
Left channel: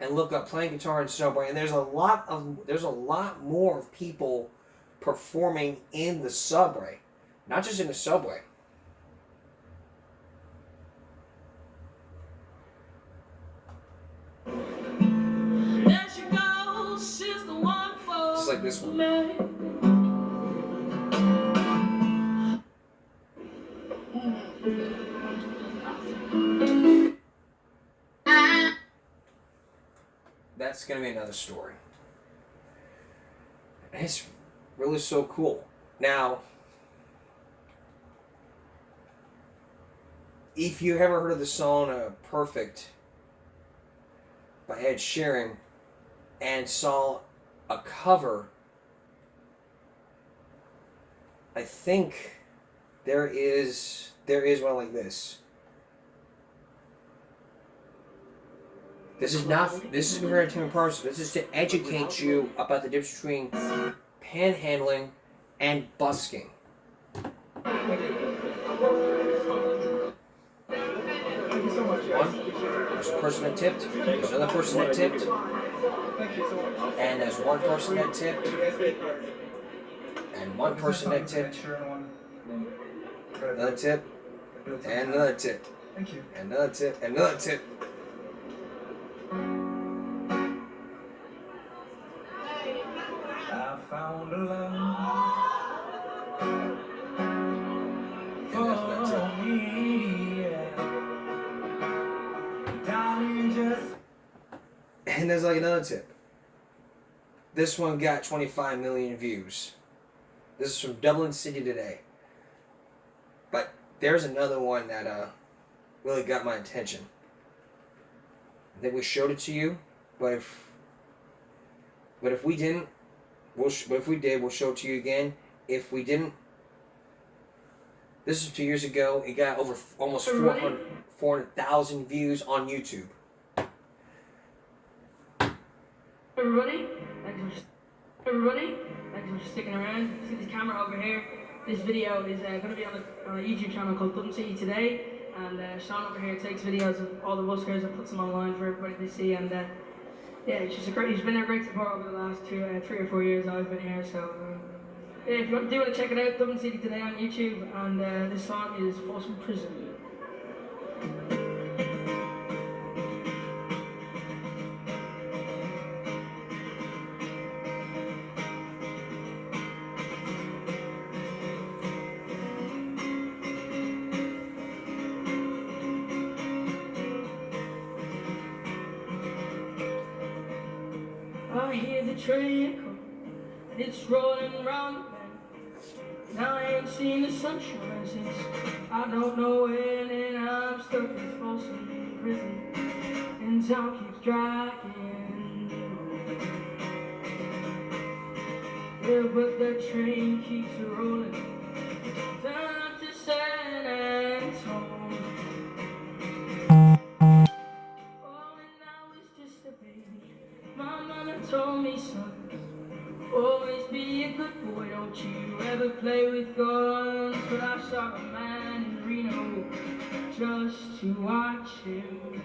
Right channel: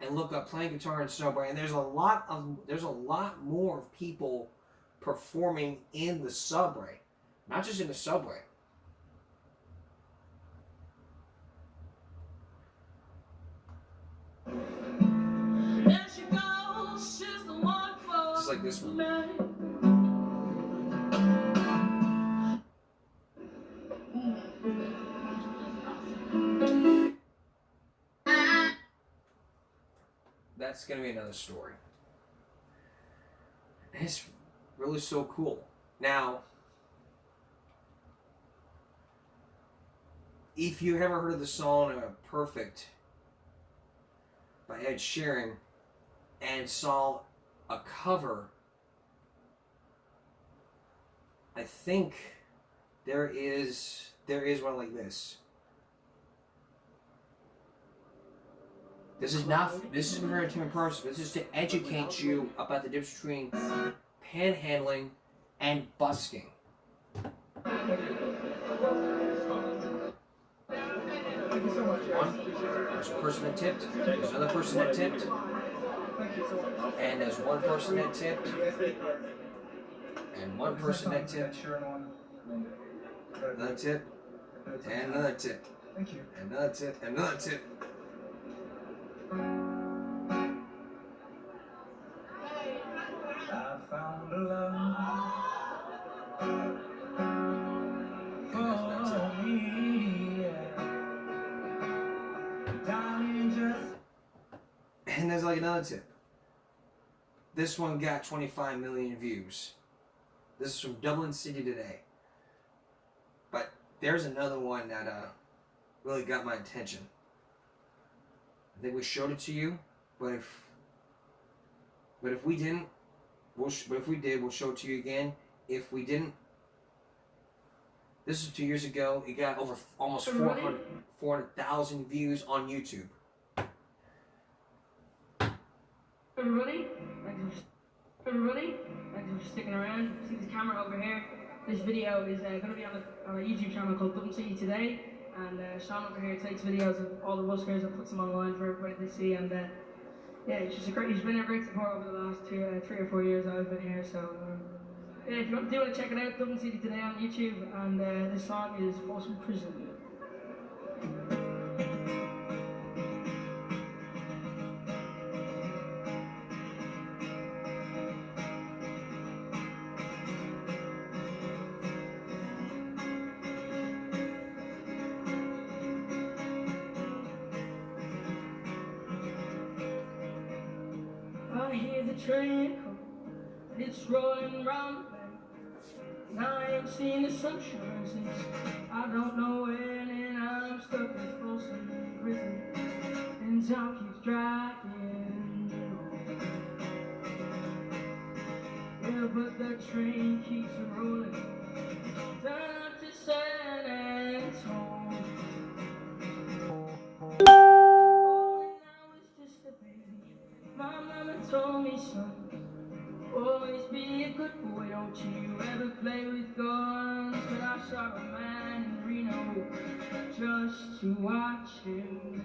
and look up playing guitar in subway, and there's a lot more people performing in the subway, not just in the subway. Just like this one. That's going to be another story. And it's really so cool. Now, if you ever heard of the song Perfect by Ed Sheeran and saw a cover, I think there is one like this. This is for entertainment purposes. This is to educate you about the difference between panhandling and busking. There's a person that tipped. There's another person that tipped. And there's one person that tipped. And one person that tipped. Another tip. And another tip. Thank you. And another tip. And another tip. I found a love for me, yeah. Darling, just... And there's like another tip. This one got 25 million views. This is from Dublin City Today. But there's another one that really got my attention. I think we showed it to you, but if we didn't, but if we did, we'll show it to you again. If we didn't, this is 2 years ago. It got over almost 400,000 views on YouTube. Everybody, thanks for sticking around. See this camera over here? This video is going to be on a YouTube channel called Dublin City Today, and Sean over here takes videos of all the buskers and puts them online for everybody to see. And yeah, he's been a great support over the last 3 or 4 years I've been here. So yeah, if you want to check it out, Dublin City Today on YouTube, and this song is Folsom Prison. I hear the train come, and it's rolling round the bend. And I ain't seen the sunshine since I don't know when, and I'm stuck in Folsom Prison, and time keeps dragging. Yeah, but that train keeps rolling down to San Antonio. Oh, and I was just a baby. My mama told me, son, always be a good boy, don't you ever play with guns. But I saw a man in Reno just to watch him.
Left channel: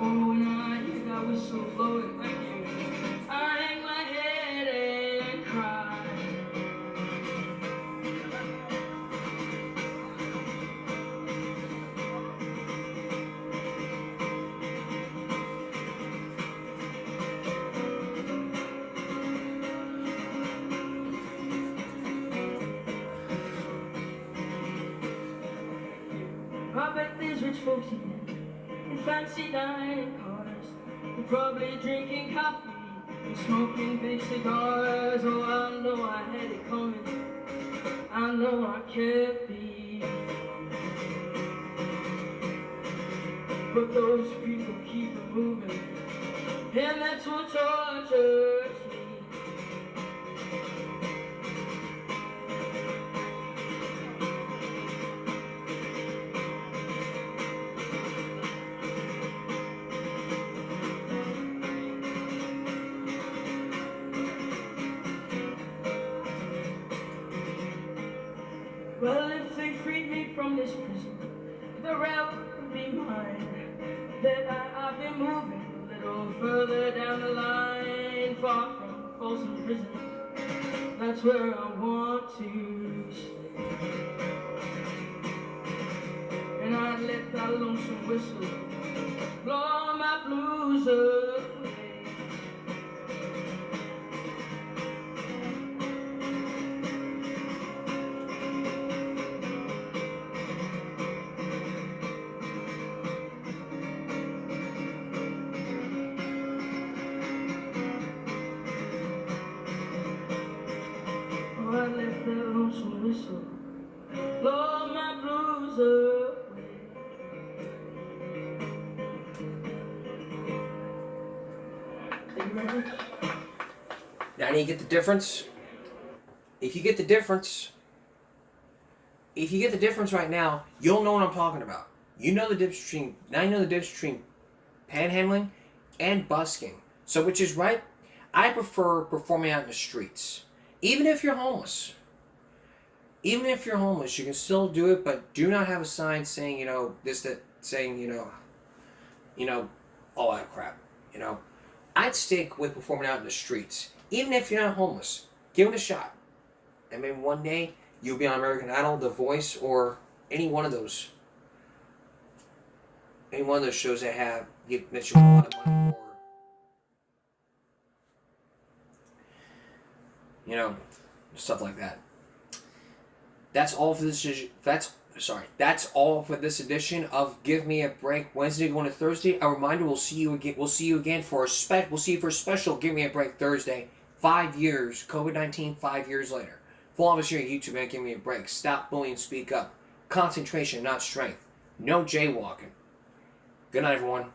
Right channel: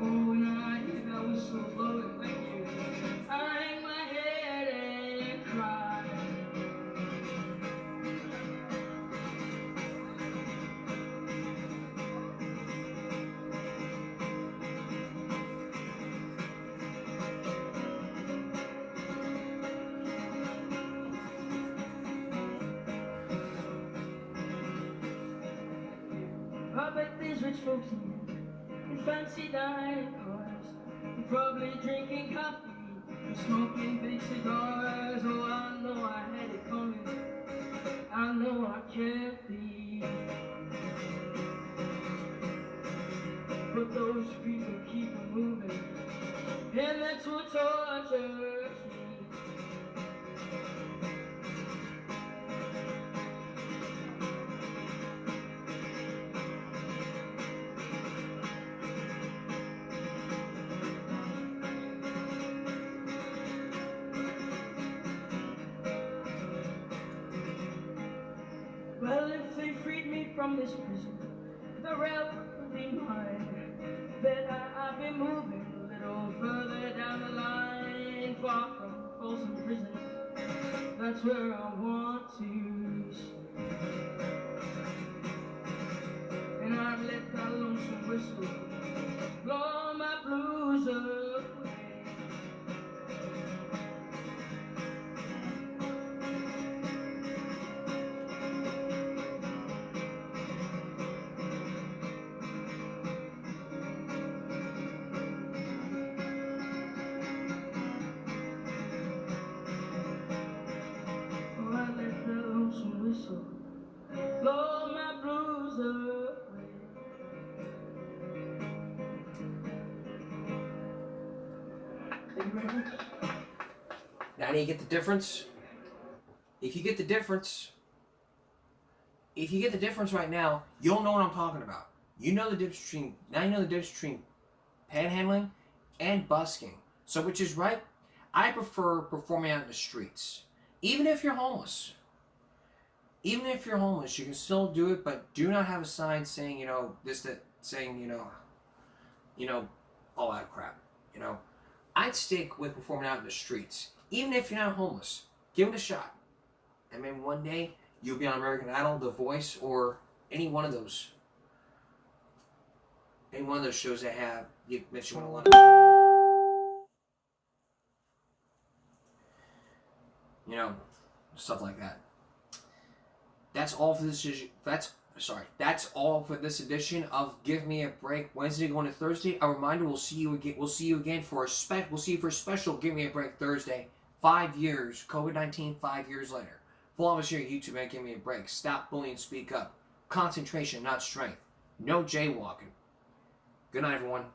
Oh, and I hear that whistle blowing right here. I hang my head and cry. I bet there's rich folks in fancy dining cars. They're probably drinking coffee and smoking big cigars. Oh, I know I had it coming. I know I can't be. But those people keep it moving, and that's what tortures me. Well, if they freed me from this prison, the realm would be mine. Then I've been moving a little further down the line, far from Folsom Prison. That's where I want to stay. And I'd let that lonesome whistle blow my blues away. Oh, I let that lonesome whistle blow Now do you get the difference? If you get the difference right now, you'll know what I'm talking about. You know the difference between panhandling and busking. So which is right? I prefer performing out in the streets. Even if you're homeless. Even if you're homeless, you can still do it, but do not have a sign saying, all that crap. I'd stick with performing out in the streets. Even if you're not homeless, give it a shot. I mean, one day you'll be on American Idol, The Voice, or any one of those shows that you want a lot. Stuff like that. That's all for this. That's all for this edition of Give Me a Break Wednesday going to Thursday. A reminder: we'll see you again for a special Give Me a Break Thursday. 5 years, COVID-19. 5 years later. Follow us here at YouTube and Give Me a Break. Stop bullying, speak up. Concentration, not strength. No jaywalking. Good night, everyone.